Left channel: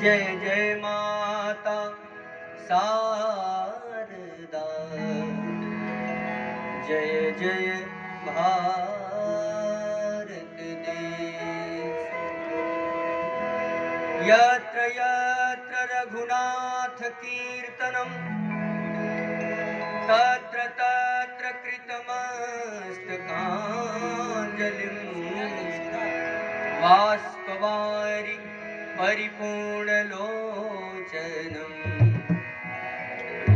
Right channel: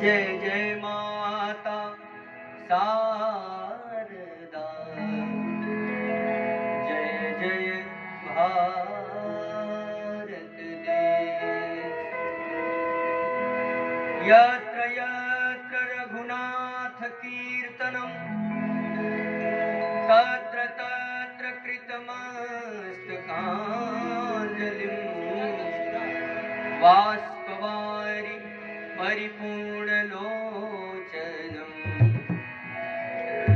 जय जय माता शारदा, जय जय भारत देश। यत्र यत्र रघुनाथ कीर्तनं तत्र तत्र कृतमस्तकाञ्जलिं बाष्पवारि परिपूर्णलोचनं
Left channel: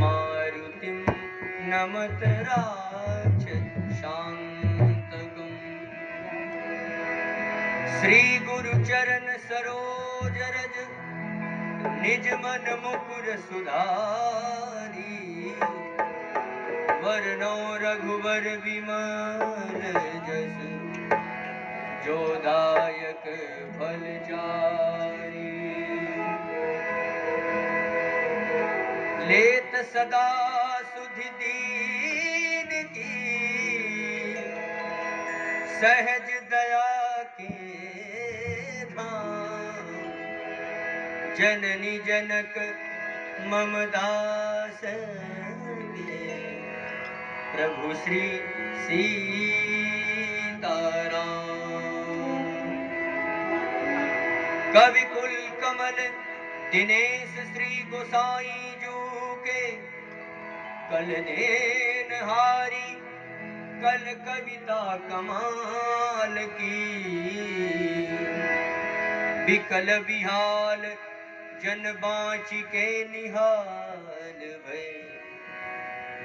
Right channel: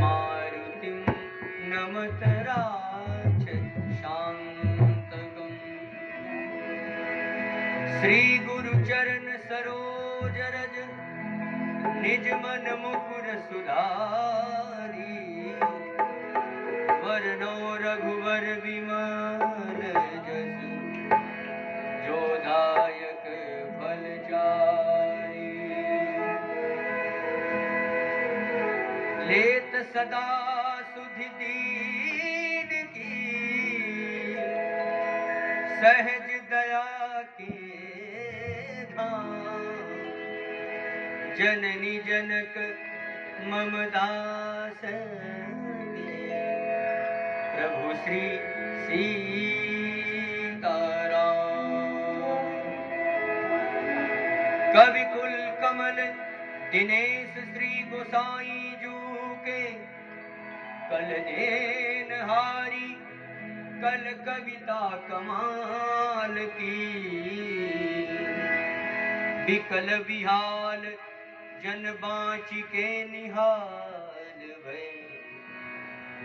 मारुतिं नमत राक्षसान्तकम्। श्री गुरु चरण सरोज रज निज मन मुकुर सुधारी, वरनौ रघुवर विमल जस जो दायक फल चारि। लेत सदा सुधि दीन की, सहज दया के धाम। जननी जनक ममदास प्रभु श्री सीताराम। कवि कुल कमल दिनेश श्री गोसाई जू के, कल देन हारी कल कविता कमाल की। बिकल बिहाल जन बाँची के निहाल भय,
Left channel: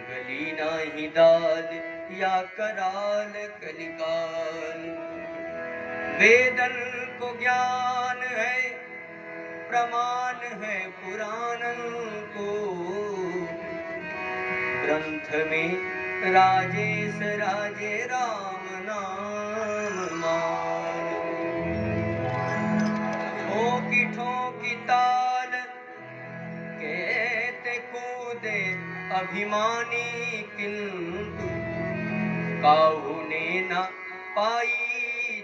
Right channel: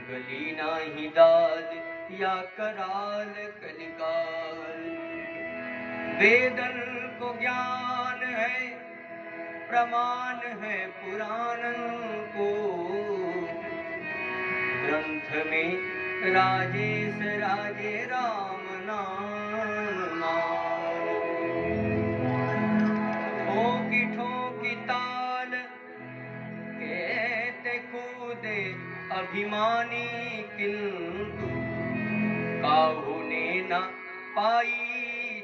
गली नाही दाल या कराल कलिकाल। वेदन को ज्ञान है प्रमाण है पुराण को, ग्रंथ में राजेश राजे राम नाम मान। ठोकी ठोकी ताल कहते कूदे अभिमानी, किंतु काहू ने न पाई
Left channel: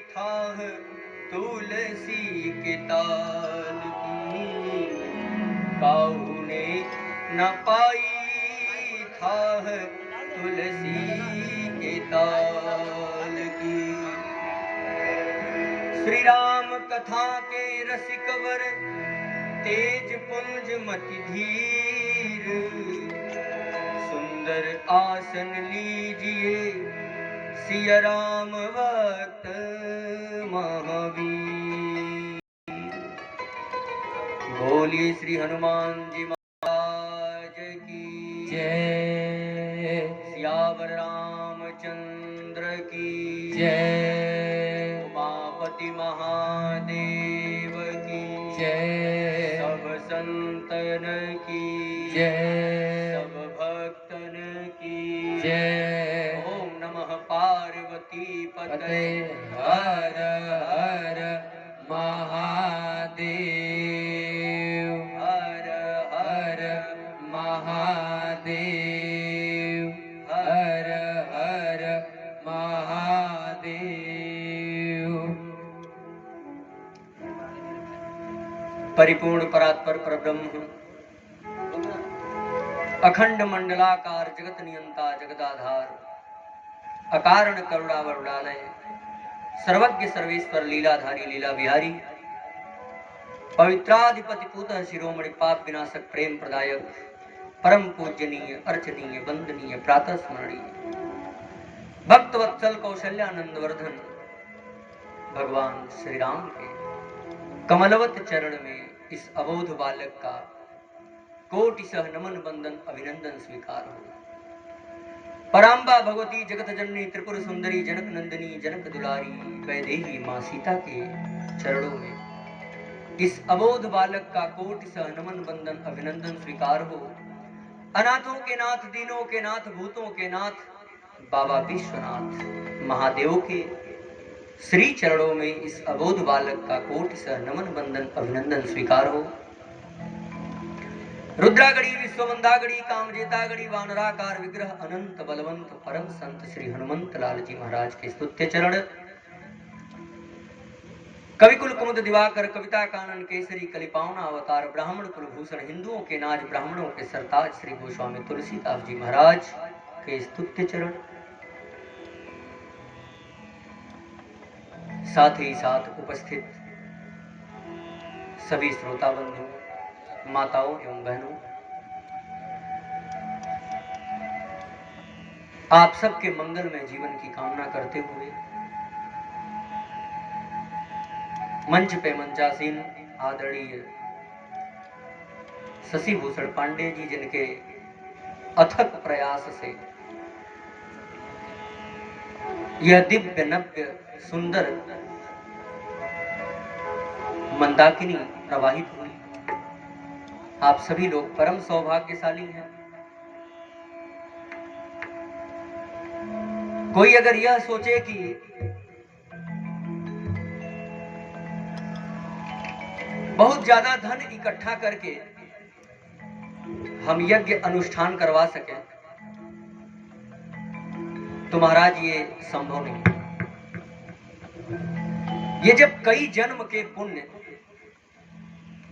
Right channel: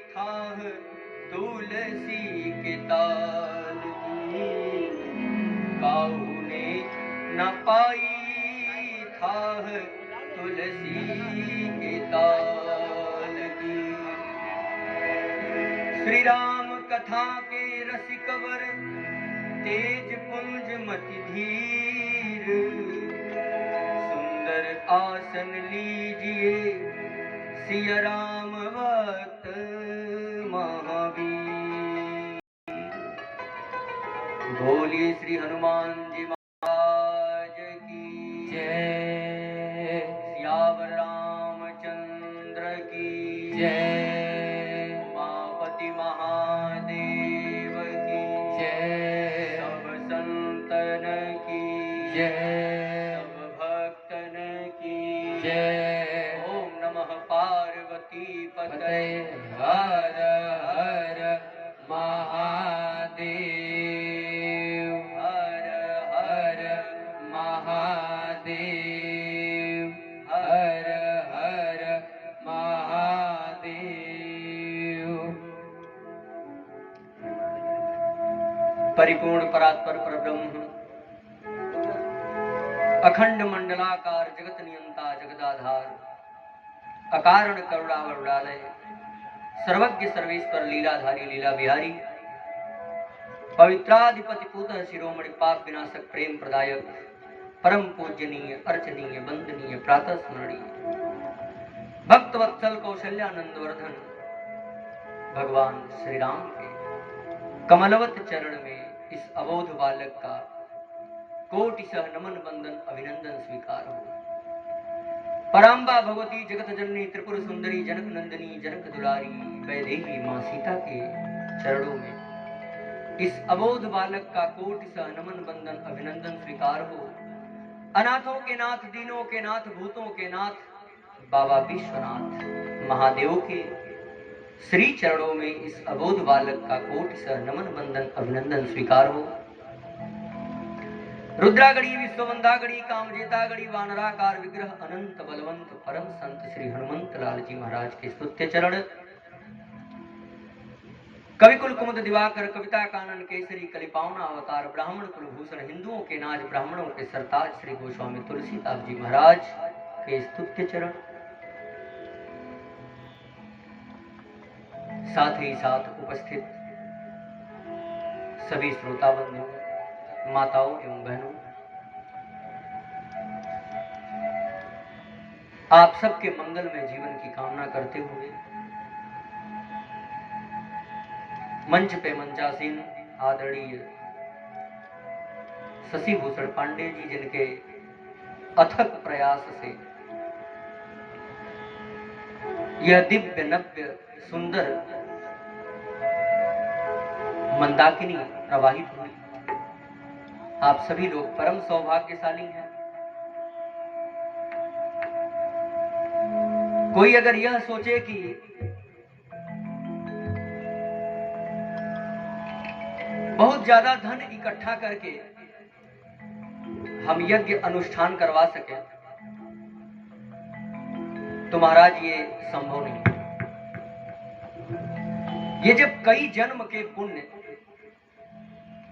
थाह तुलसी के ताल की। काहू ने न पाई थाह तुलसी के ताल की। श्री राम कथा के रसिक वर तेज पुंज मति धीर, सुंदर आसन लीजिए सिया राम भक्त महावीर। बोलिए श्री हनुमान जी महाराज की जय। सियावर रामचंद्र की जय। उमापति महादेव की जय। सब संतन की जय। सब भक्तन की जय। ओम नमः पार्वती पते हर हर महादेव। हर हर महादेव। हर हर महादेव। परिपूर्ण परात्पर परब्रह्म, अखंड मंडलाकार जगत नियंता जगदाधार, अकारण करुणावरुणालय, सर्वज्ञ सर्वेश्वर लीलाधारी लीला बिहारी, पवित्राधिपति पूतः शिरोमणि पाप विनाशक प्रेम प्रदायक, परम पूजनीय अर्चनीय वंदनीय प्रातः स्मरणीय भक्त वत्सल कौशल्यानंद वर्धन भगवान श्री राम के कमलवत चरण में इस अबोध बालक का कोटिशः नमन वंदन अभिनंदन स्वीकार हो। पराम्बा भगवती जगत जननी त्रिपुर सुंदरी जनक नंदिनी जनक दुलारी वैदेही मां सीता के चरणों में इस अबोध बालक का कोटिशः नमन वंदन अभिनंदन स्वीकार हो। अनाथों के नाथ, दीनों के नाथ, भूतों के नाथ बाबा विश्वनाथ महादेव के श्री चरणों में इस अबोध बालक का कोटिशः नमन वंदन अभिनंदन स्वीकार हो। रुद्रागढ़ी विश्वमंदागढ़ी कामजेतागढ़ी वानराकार विग्रह अनंत बलवंत परम संत श्री हनुमंत लाल जी महाराज के स्तुत्य चरण, कवि कुल कुमुद दिवाकर कविता कानन केसरी कलिपावना अवतार ब्राह्मण कुल भूषण हिंदुओं के नाज ब्राह्मणों के सरताज श्री गोस्वामी तुलसीदास जी महाराज के स्तुत्य चरण, साथ ही साथ उपस्थित सभी श्रोता बंधु, माताओं एवं बहनों, आप सबके मंगलमय जीवन की कामना करते हुए मंच पे मंचासीन आदरणीय शशि भूषण पांडे जी, जिनके अथक प्रयास से यह दिव्य नव्य सुंदर मंदाकिनी प्रवाहित हुई, आप सभी लोग परम सौभाग्यशाली हैं। कोई अगर यह सोचे कि बहुत ज्यादा धन इकट्ठा करके हम यज्ञ अनुष्ठान करवा सके, तो महाराज ये संभव नहीं। ये जब कई जन्म के पुण्य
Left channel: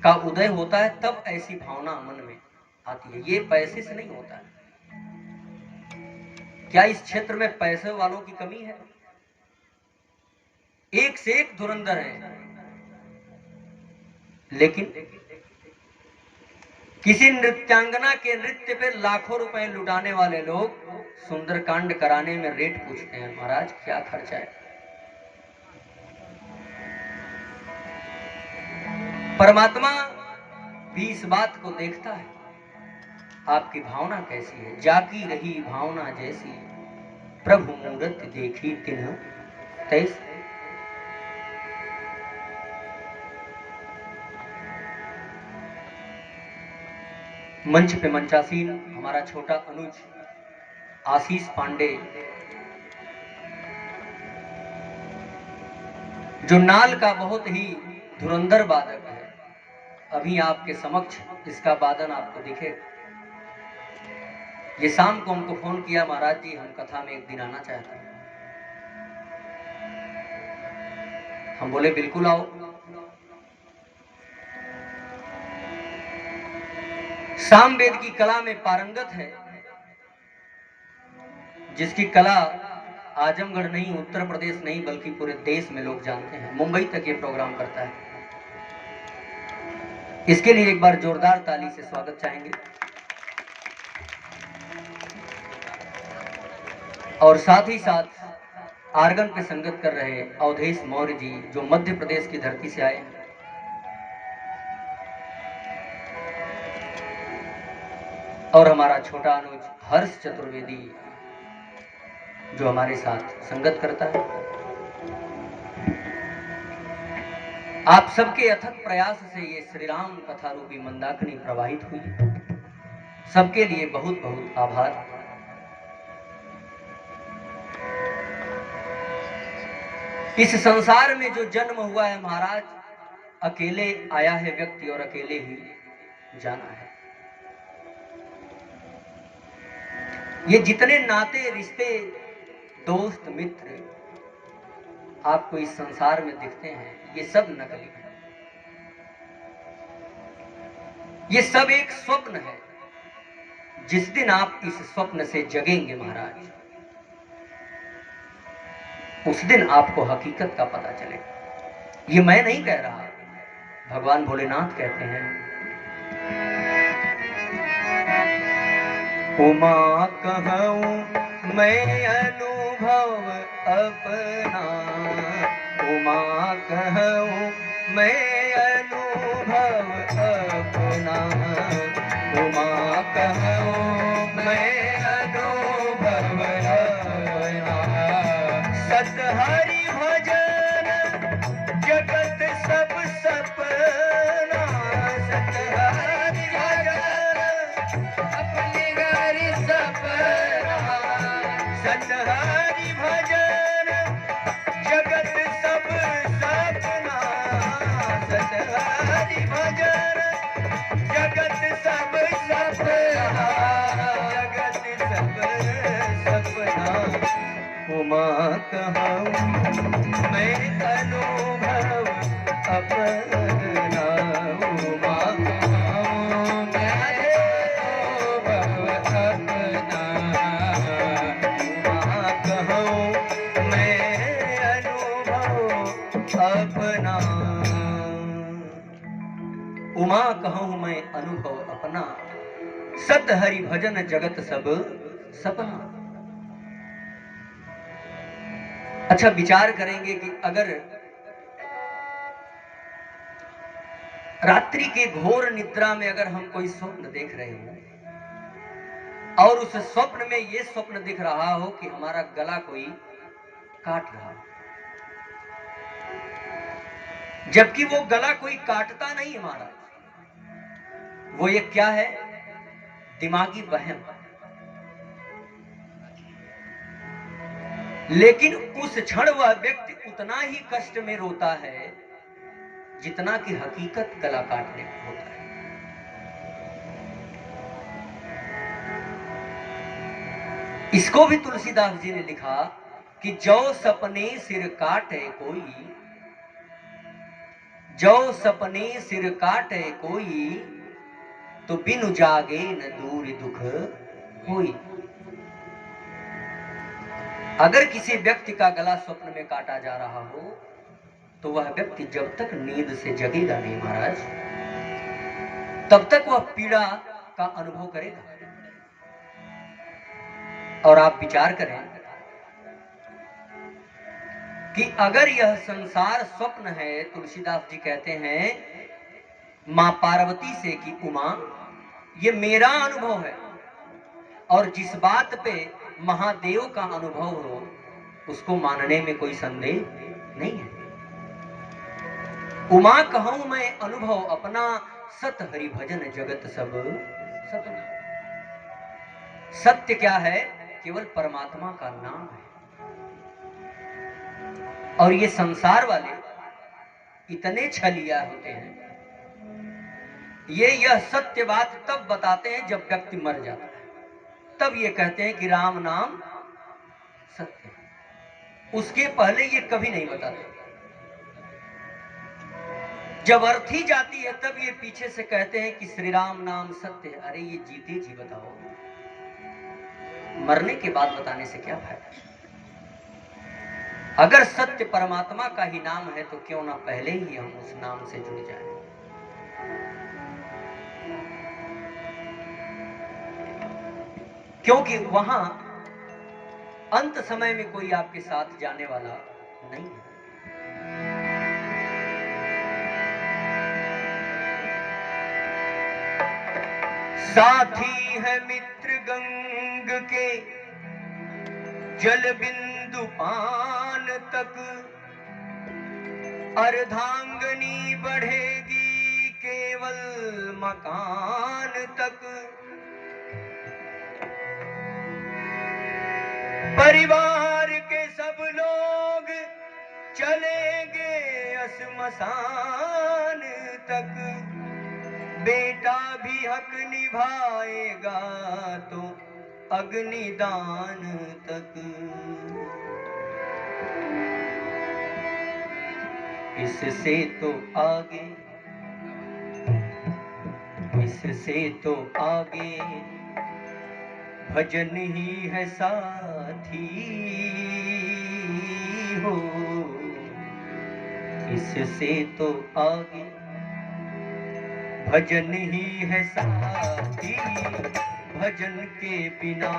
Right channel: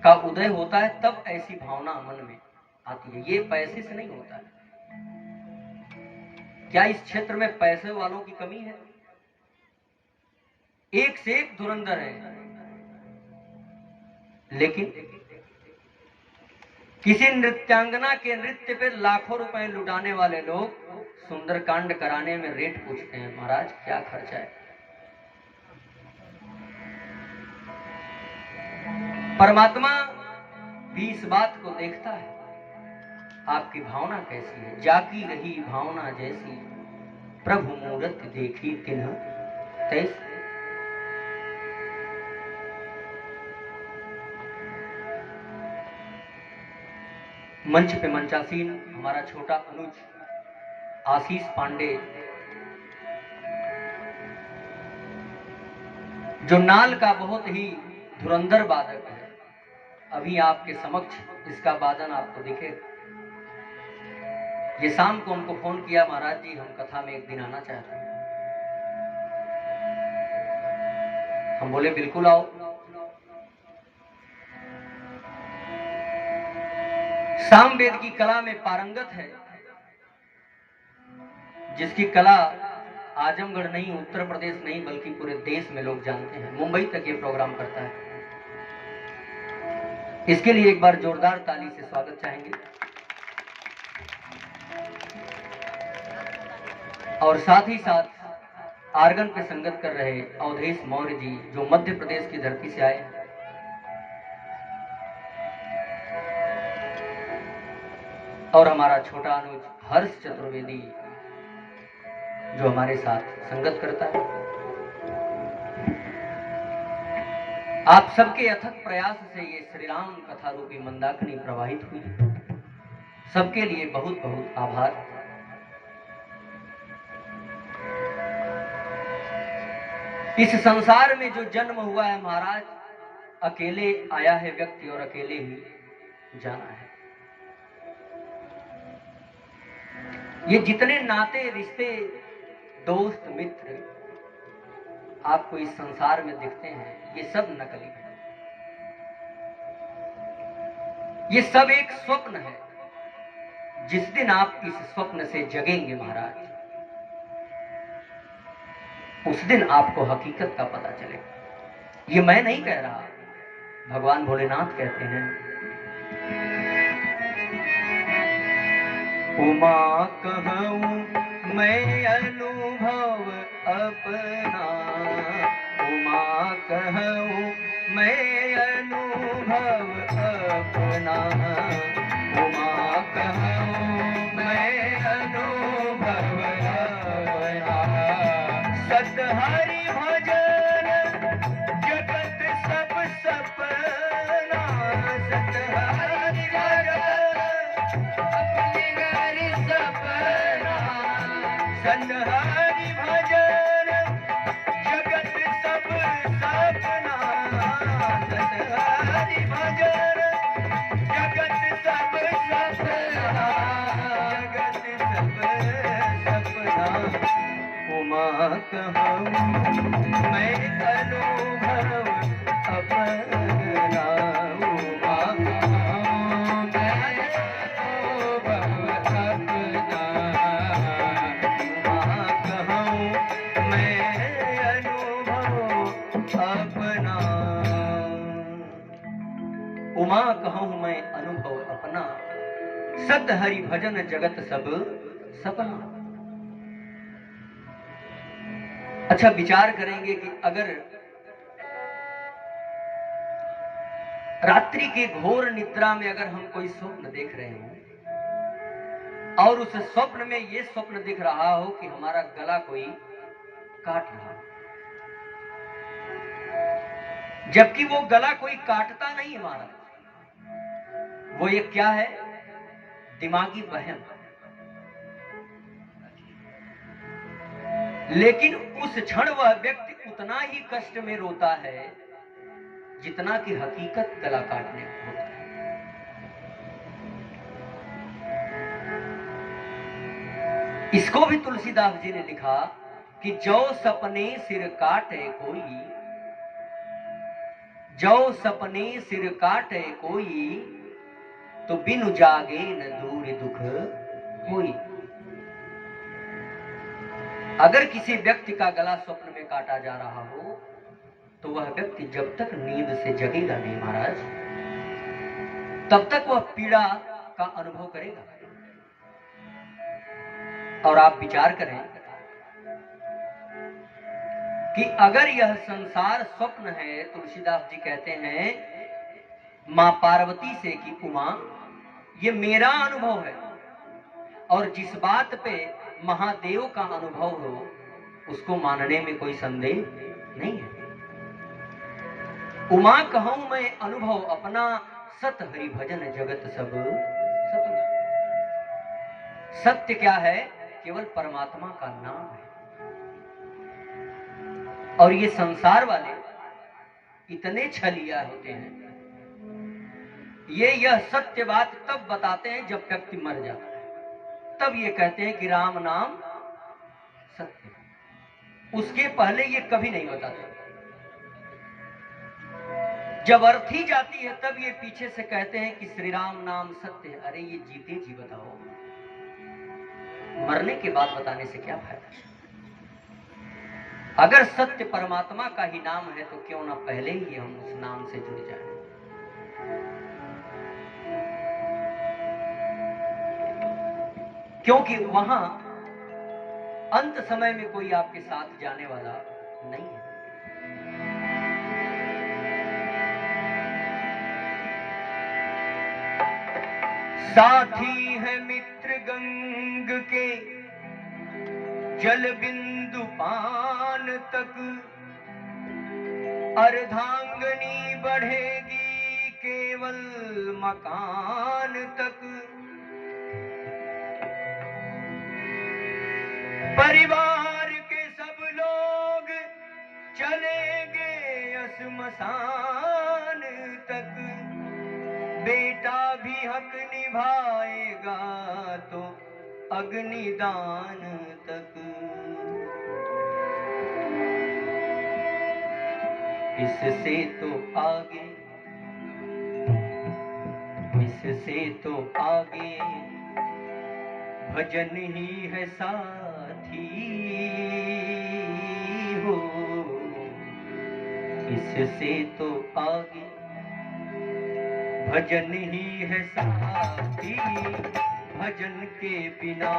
का उदय होता है तब ऐसी भावना मन में आती है, ये पैसे से नहीं होता है। क्या इस क्षेत्र में पैसे वालों की कमी है? एक से एक धुरंधर है, लेकिन किसी नृत्यांगना के नृत्य पे लाखों रुपए लुटाने वाले लोग सुंदरकांड कराने में रेट पूछते हैं, महाराज क्या खर्चा है? परमात्मा भी इस बात को देखता है, आपकी भावना कैसी है। जाकी रही भावना जैसी, प्रभु मूरत देखी तिन्ह तैसी। मंच पे मंचासीन हमारा छोटा अनुज आशीष पांडे, जो नाल का बहुत ही धुरंधर वादक है, अभी आपके समक्ष इसका वादन आपको दिखे। ये शाम को हमको फोन किया, महाराज जी हम कथा में एक दिन आना चाहते हैं। हम बोले बिल्कुल आओ। सामवेद की कला में पारंगत है, जिसकी कला आजमगढ़ नहीं, उत्तर प्रदेश नहीं, बल्कि पूरे देश में लोग जानते हैं। मुंबई तक ये प्रोग्राम करता है। इसके लिए एक बार जोरदार ताली से स्वागत चाहेंगे। और साथ ही साथ आर्गन पे संगत कर रहे अवधेश मौर्य जी, जो मध्य प्रदेश की धरती से आए हैं। और हमारा छोटा अनुज हर्ष चतुर्वेदी, जो हमारे साथ संगत करता है। आप सबके अथक प्रयास से ये श्री राम कथा रूपी मंदाकिनी प्रवाहित हुई। सबके लिए बहुत बहुत आभार। इस संसार में जो जन्म हुआ है महाराज, अकेले आया है व्यक्ति और अकेले ही जाना है। ये जितने नाते रिश्ते दोस्त मित्र आपको इस संसार में दिखते हैं, ये सब नकली है। ये सब एक स्वप्न है। जिस दिन आप इस स्वप्न से जगेंगे महाराज, उस दिन आपको हकीकत का पता चलेगा। ये मैं नहीं कह रहा, भगवान भोलेनाथ कहते हैं। उमा कहूँ मैं अनुभव अपना, उमा कहूँ मैं अनुभव अपना, उमा कहूँ मैं अनुभव अपना। सतहरि भजन जगत सब सपना, सतहरि भजन अपने घर सपना, सतहरि भजन जगत सब सपना, सतहरि भजन जगत सब सपना, जगत सब सपना। उमा कहूँ मैं अनुभव अपना, उमा कहूँ मैं अनुभव अपना, उमा कहूँ मैं अनुभव अपना, उमा कहूँ मैं अनुभव अपना, सत हरि भजन जगत सब सपना। अच्छा, विचार करेंगे कि अगर रात्रि के घोर निद्रा में अगर हम कोई स्वप्न देख रहे हो और उस स्वप्न में ये स्वप्न दिख रहा हो कि हमारा गला कोई काट रहा, जबकि वो गला कोई काटता नहीं है हमारा, वो ये क्या है, दिमागी वहम। लेकिन उस क्षण वह व्यक्ति उतना ही कष्ट में रोता है जितना कि हकीकत गला काटने को होता है। इसको भी तुलसीदास जी ने लिखा कि जो सपने सिर काटे कोई, जो सपने सिर काटे कोई, तो बिनु जागे न दूर दुख होई। अगर किसी व्यक्ति का गला स्वप्न में काटा जा रहा हो तो वह व्यक्ति जब तक नींद से जगेगा नहीं महाराज, तब तक वह पीड़ा का अनुभव करेगा। और आप विचार करें कि अगर यह संसार स्वप्न है, तुलसीदास जी कहते हैं मां पार्वती से कि उमा ये मेरा अनुभव है, और जिस बात पे महादेव का अनुभव हो उसको मानने में कोई संदेह नहीं है। उमा कहूं मैं अनुभव अपना, सत हरि भजन जगत सब सपना। सत्य क्या है? केवल परमात्मा का नाम है। और ये संसार वाले इतने छलिया होते हैं, यह सत्य बात तब बताते हैं जब व्यक्ति मर जाता है, तब ये कहते हैं कि राम नाम सत्य है। उसके पहले ये कभी नहीं बताते। जब अर्थी जाती है तब ये पीछे से कहते हैं कि श्री राम नाम सत्य है। अरे ये जीते जी बताओ, मरने के बाद बताने से क्या फायदा? अगर सत्य परमात्मा का ही नाम है तो क्यों ना पहले ही हम उस नाम से जुड़ जाएं। क्योंकि वहां अंत समय में कोई आपके साथ जाने वाला नहीं है। साथी है मित्र गंग के जल बिंदु पान तक, अर्धांगनी बढ़ेगी केवल मकान तक। परिवार के सब लोग चलेंगे श्मशान तक, बेटा भी हक निभाएगा तो अग्निदान तक। इससे तो आगे, इससे तो आगे भजन ही है साथी हो। इससे तो आगे भजन ही है साथी, भजन के बिना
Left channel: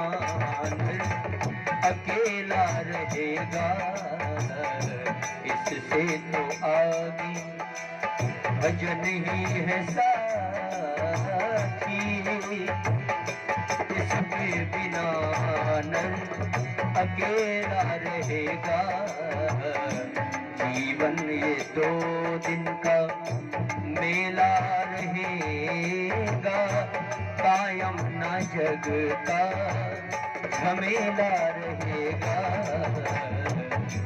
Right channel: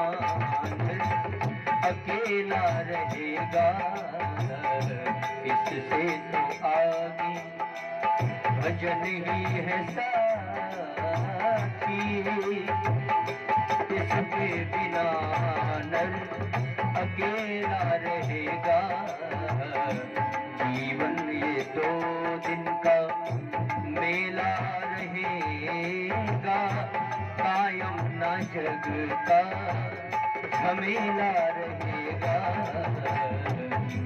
अकेला रहेगा। इससे तो आगे भजन ही है साथी, इसके बिना नर अकेला रहेगा। जीवन ये 2 दिन का मेला रहेगा, कायम न जग का झमेला रहेगा।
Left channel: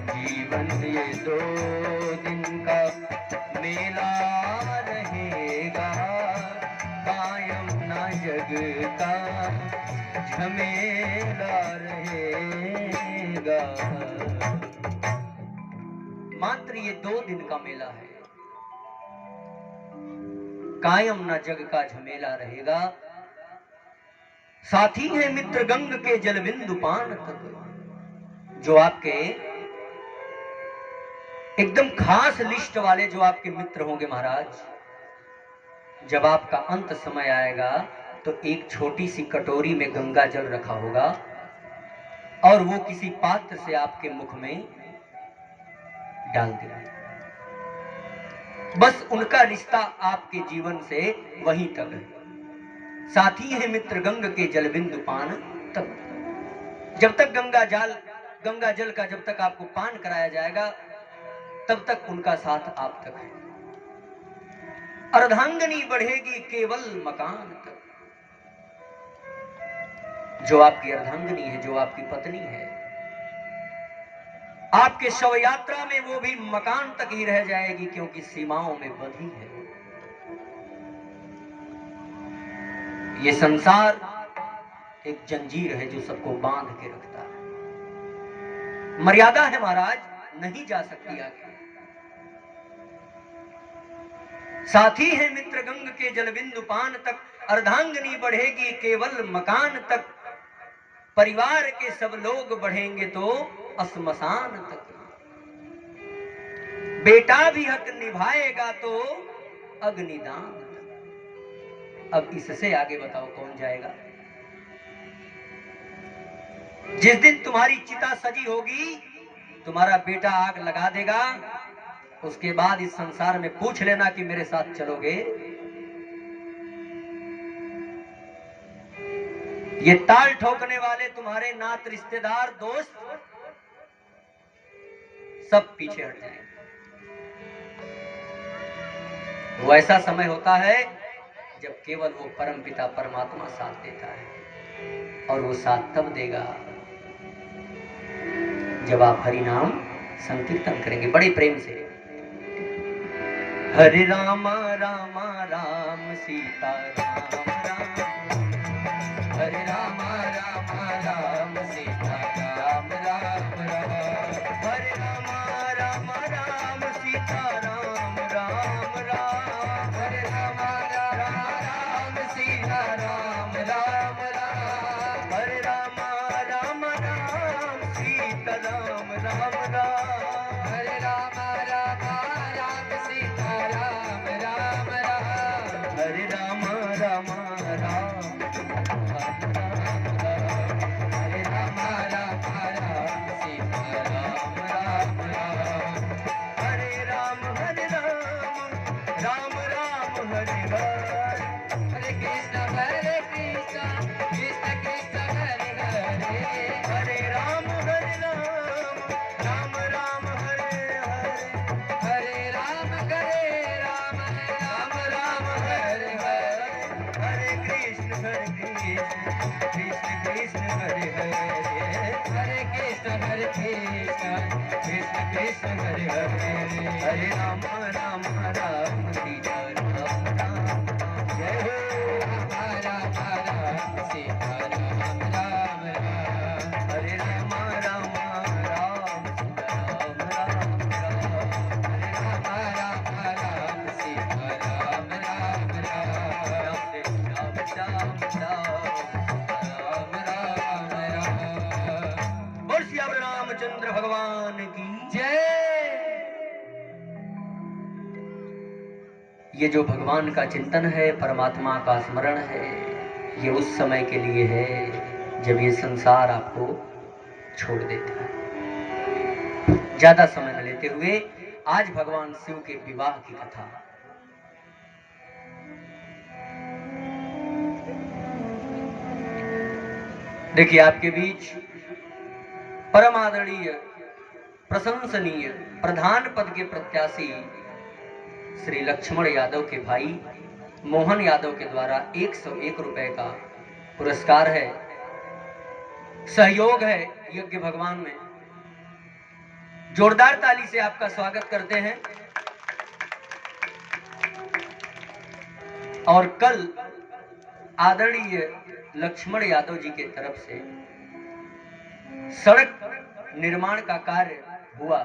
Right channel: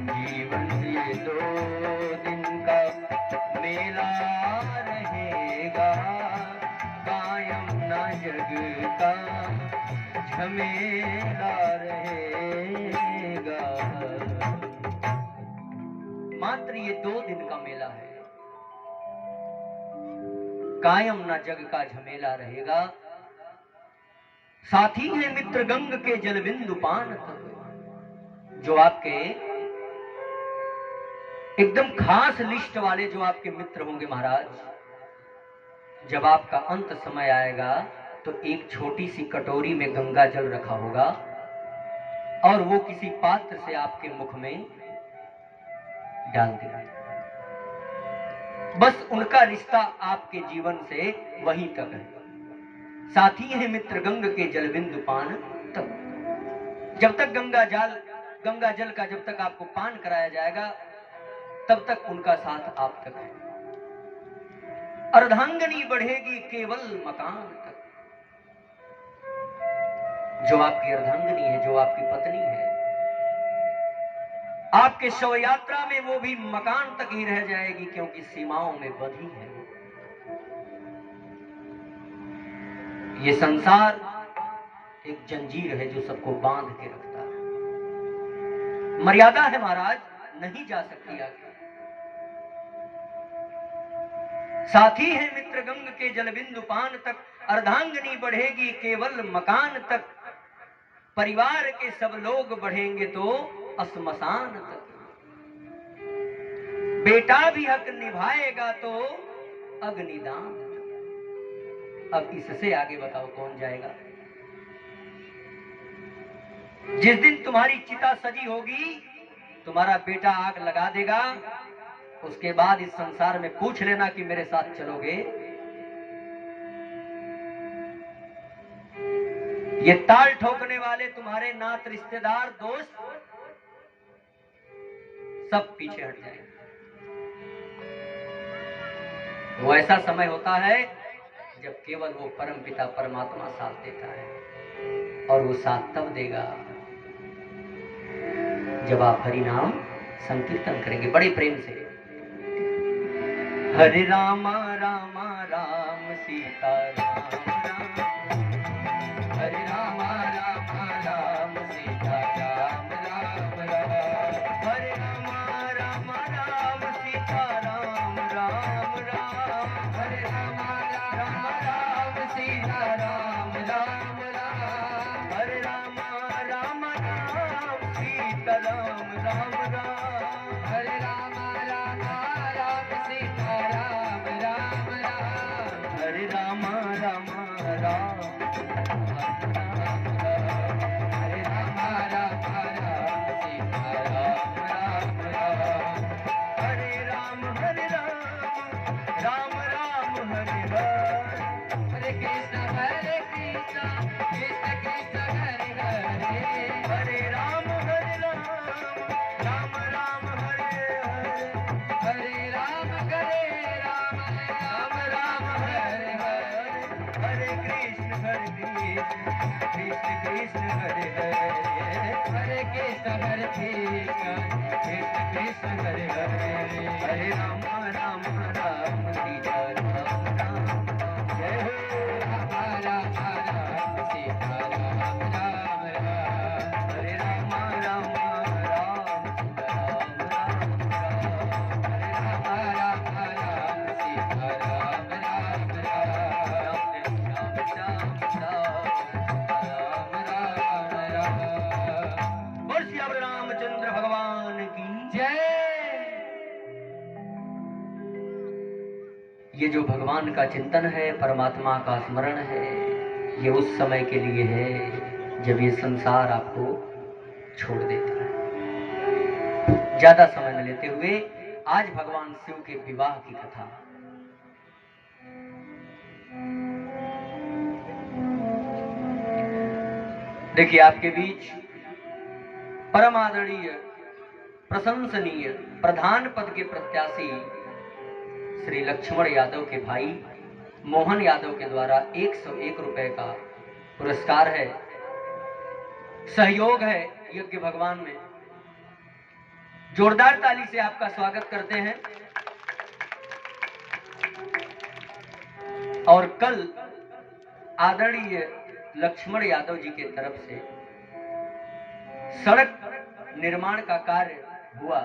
जीवन ये 2 दिन का मेला रहेगा, कायम न जग का झमेला रहेगा। मात्र ये 2 दिन का मेला है, कायम न जग का झमेला रहेगा। साथी है मित्र गंग के जल बिंदु पान तक। जो आपके एकदम खास लिस्ट वाले जो आपके मित्र होंगे महाराज, जब आपका अंत समय आएगा तो एक छोटी सी कटोरी में गंगा जल रखा होगा और वो किसी पात्र से आपके मुख में डाल देगा। बस उनका रिश्ता आपके जीवन से वहीं तक है। साथी है मित्र गंग के जल बिंदु पान तब। जब तक गंगा जल का जब तक आपको पान कराया जाएगा तब तक उनका साथ आप तक है। अर्धांगनी बढ़ेगी केवल मकान तक। जो आपकी अर्धांगनी है, जो आपकी पत्नी है, आपके शव यात्रा में वो भी मकान तक ही रह जाएगी, क्योंकि सीमाओं में बंधी है। ये संसार एक जंजीर है जो सबको बांध के रखता है। मर्यादा है महाराज, नहीं जा सकती आगे। साथी है मित्र गंग के जल बिंदु पान तक। अर्धांगनी बढ़ेगी केवल मकान तक। परिवार के सब लोग बढ़ेंगे तो अस्मशान तक। बेटा भी हक निभाएगा तो अग्निदान तक। अब इससे आगे बताओ कौन जाएगा? जिस दिन तुम्हारी चिता सजी होगी, तुम्हारा बेटा आग लगा देगा, उसके बाद इस संसार में पूछ लेना कि मेरे साथ चलोगे। ये ताल ठोकने वाले तुम्हारे नात रिश्तेदार दोस्त सब पीछे हट जाएंगे। वो ऐसा समय होता है जब केवल वो परम पिता परमात्मा साथ देता है, और वो साथ तब देगा जब आप हरि नाम संकीर्तन करेंगे बड़े प्रेम से। हरे रामा रामा राम सीता राम राम, हरे रामा रामा राम सीता राम राम राम, हरे रामा रामा राम सीता राम राम राम, हरे रामा रामा राम सीता राम राम राम, हरे रामा रामा राम सीता राम राम राम, हरे रामा रामा राम सीता राम राम राम, हरे रामा रामा राम, हरे रामा रामा राम सीता राम राम राम, हरे राम राम राम हरे हरे, हरे कृष्ण कृष्ण कृष्ण हरे हरे, हरे राम राम राम हरे हरे, हरे राम राम राम हरे हरे, हरे कृष्ण कृष्ण कृष्ण हरे हरे, हरे कृष्ण कृष्ण कृष्ण हरे हरे, हरे राम राम राम सीता राम राम, जय हो राम राम सीता राम राम राम, हरे राम राम राम सीता राम राम राम, हरे राम राम सीता राम राम राम, श्याम राम राम राम। बोल श्री रामचंद्र भगवान की जय। ये जो भगवान का चिंतन है, परमात्मा का स्मरण है, ये उस समय के लिए है जब ये संसार आपको छोड़ देता है। ज्यादा समय न लेते हुए आज भगवान शिव के विवाह की कथा। देखिए, आपके बीच परम आदरणीय प्रशंसनीय प्रधान पद के प्रत्याशी श्री लक्ष्मण यादव के भाई मोहन यादव के द्वारा 101 रुपए का पुरस्कार है, सहयोग है यज्ञ भगवान में। जोरदार ताली से आपका स्वागत करते हैं। और कल आदरणीय लक्ष्मण यादव जी की तरफ से सड़क निर्माण का कार्य हुआ,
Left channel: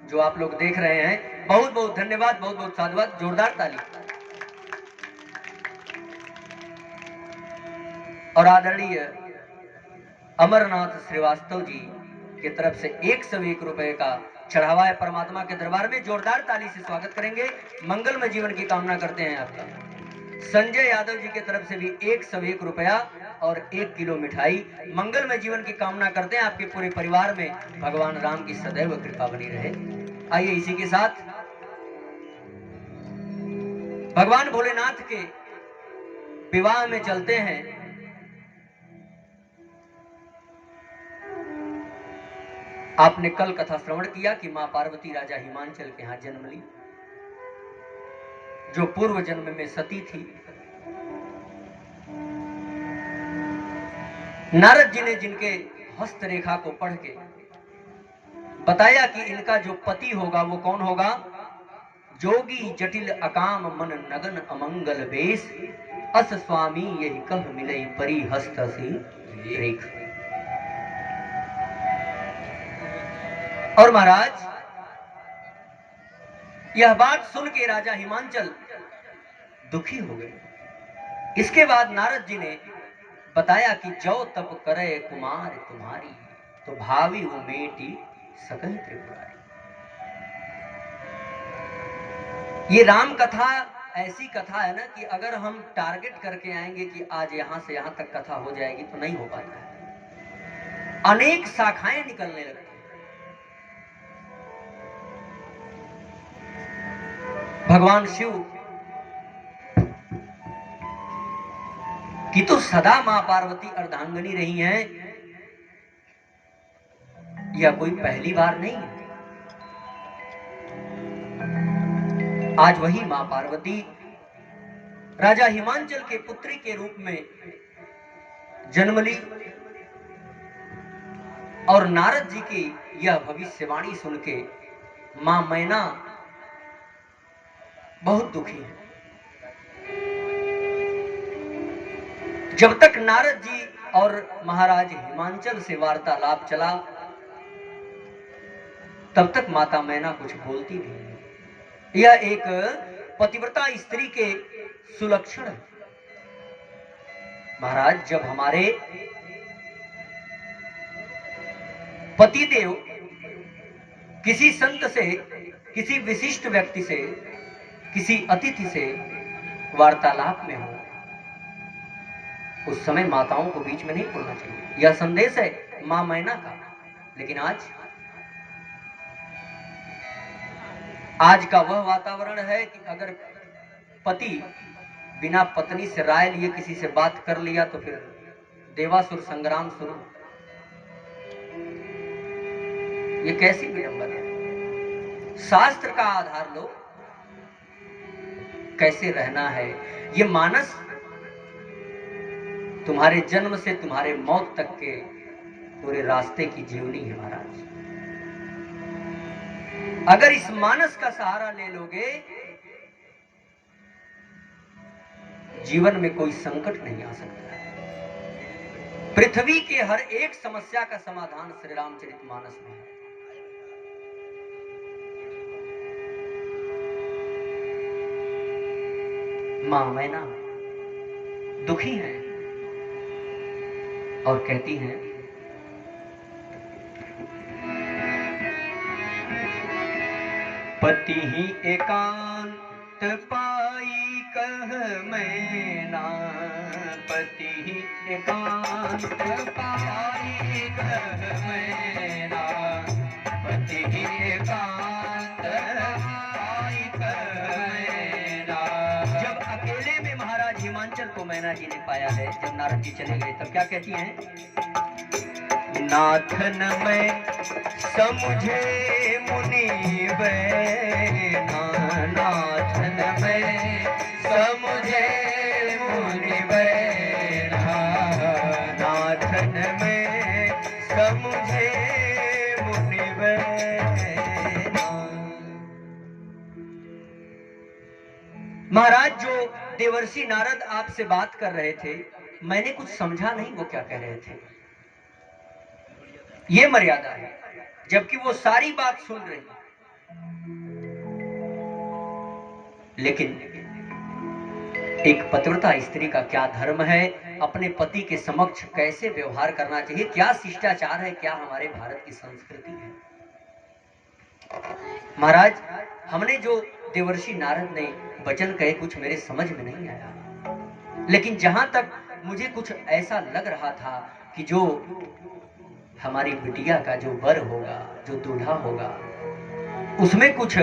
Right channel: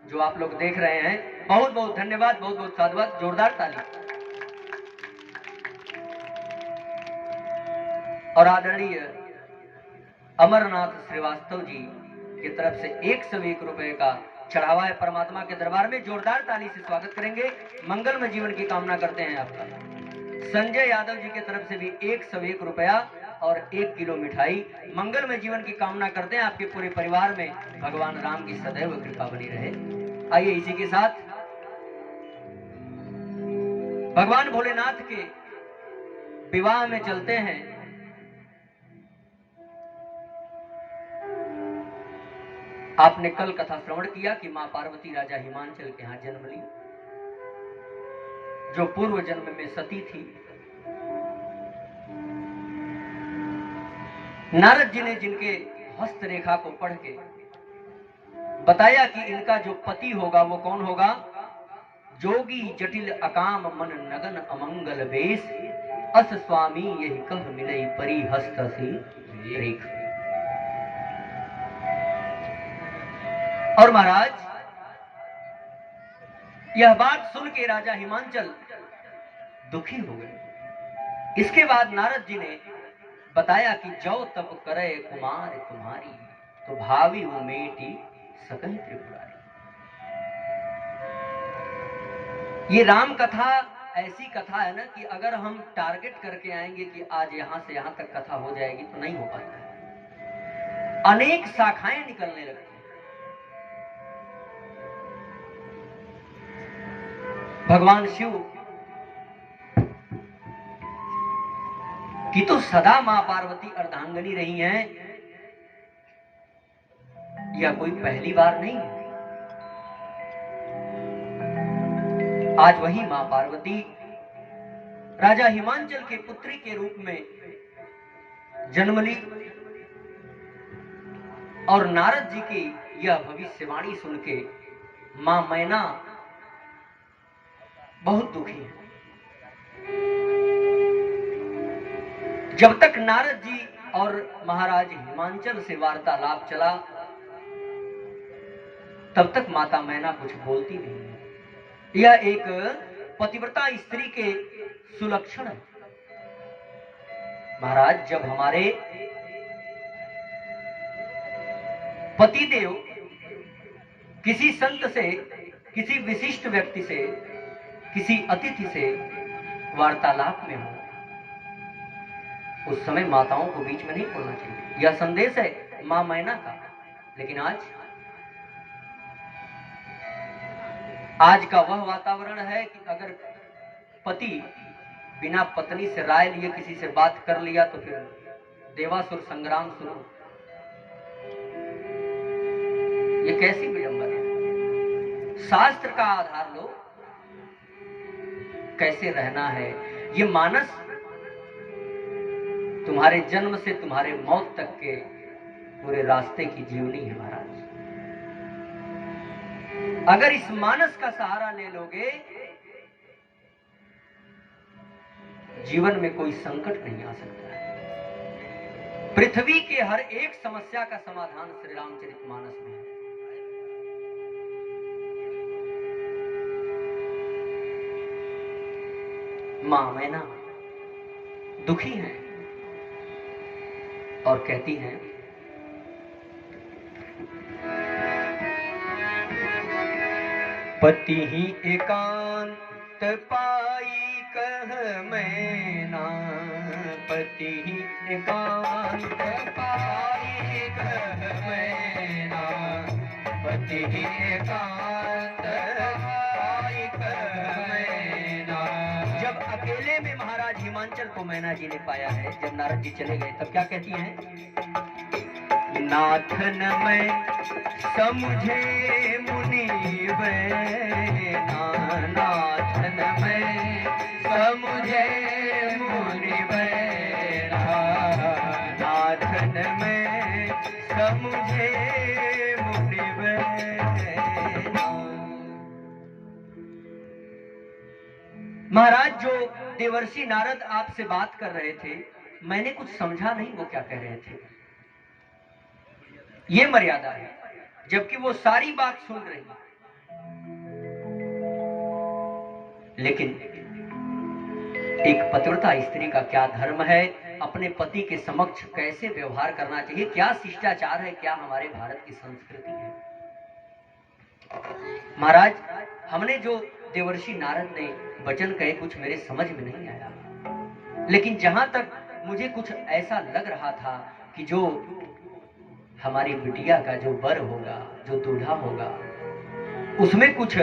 जो आप लोग देख रहे हैं। बहुत बहुत धन्यवाद, बहुत बहुत साधुवाद, जोरदार ताली। और आदरणीय अमरनाथ श्रीवास्तव जी की तरफ से 101 रुपए का चढ़ावा है। परमात्मा के दरबार में जोरदार ताली से स्वागत करेंगे। मंगलमय जीवन की कामना करते हैं आपका। संजय यादव जी की तरफ से भी 101 रुपया और 1 किलो मिठाई। मंगलमय जीवन की कामना करते हैं आपके पूरे परिवार में भगवान राम की सदैव कृपा बनी रहे। आइए इसी के साथ भगवान भोलेनाथ के विवाह में चलते हैं। आपने कल कथा श्रवण किया कि मां पार्वती राजा हिमांचल के यहां जन्म ली, जो पूर्व जन्म में सती थी। नारद जी ने जिनके हस्तरेखा को पढ़ के बताया कि इनका जो पति होगा वो कौन होगा? जोगी जटिल अकाम मन नगन अमंगल वेश, अस स्वामी यही कह मिलई परी हस्त से रेख। और महाराज यह बात सुन के राजा हिमांचल दुखी हो गए। इसके बाद नारद जी ने बताया कि जो तप करे कुमार तुम्हारी, तो भावी वो मेटी सकल त्रिपुरारी। ये राम कथा ऐसी कथा है ना कि अगर हम टारगेट करके आएंगे कि आज यहां से यहां तक कथा हो जाएगी तो नहीं हो पाता है। अनेक शाखाएं निकलने लगती हैं। भगवान शिव की तो सदा मां पार्वती अर्धांगिनी रही हैं, यह कोई पहली बार नहीं है। आज वही मां पार्वती राजा हिमांचल के पुत्री के रूप में जन्म ली और नारद जी की यह भविष्यवाणी सुन के मां मैना बहुत दुखी है। जब तक नारद जी और महाराज हिमांचल से वार्तालाप चला तब तक माता मैना कुछ बोलती नहीं। यह एक पतिव्रता स्त्री के सुलक्षण है। महाराज जब हमारे पतिदेव किसी संत से, किसी विशिष्ट व्यक्ति से, किसी अतिथि से वार्तालाप में हो, उस समय माताओं को बीच में नहीं बोलना चाहिए। यह संदेश है मां मैना का। लेकिन आज का वह वातावरण है कि अगर पति बिना पत्नी से राय लिए किसी से बात कर लिया तो फिर देवासुर संग्राम शुरू। ये कैसी विडंबना है? शास्त्र का आधार लो, कैसे रहना है। ये मानस तुम्हारे जन्म से तुम्हारे मौत तक के पूरे रास्ते की जीवनी है महाराज। अगर इस मानस का सहारा ले लोगे, जीवन में कोई संकट नहीं आ सकता है। पृथ्वी के हर एक समस्या का समाधान श्री रामचरितमानस में है। मां मैना दुखी है और कहती है, पति ही एकांत पाई कह मैना, पति ही एकांत पाई कह मैना, पति ही एकांत पाई कह मैना। जब अकेले में महाराज हिमांचल को मैना जी ने पाया है, जब नारद जी चले गए तब क्या कहती हैं? नाथन मैं समझे मुनि बैना, नाथन मैं समझे मुनि बैना, नाथन मैं समझे मुनि बैना। महाराज जो देवर्षि नारद आपसे बात कर रहे थे, मैंने कुछ समझा नहीं वो क्या कह रहे थे। ये मर्यादा है। जबकि वो सारी बात सुन रही लेकिन एक पतिव्रता स्त्री का क्या धर्म है, अपने पति के समक्ष कैसे व्यवहार करना चाहिए, क्या शिष्टाचार है, क्या हमारे भारत की संस्कृति है। महाराज, हमने जो देवर्षि नारद ने वचन कहे कुछ मेरे समझ में नहीं आया, लेकिन जहां तक मुझे कुछ ऐसा लग रहा था कि जो हमारी बिटिया का जो वर होगा, जो दूल्हा होगा, उसमें कुछ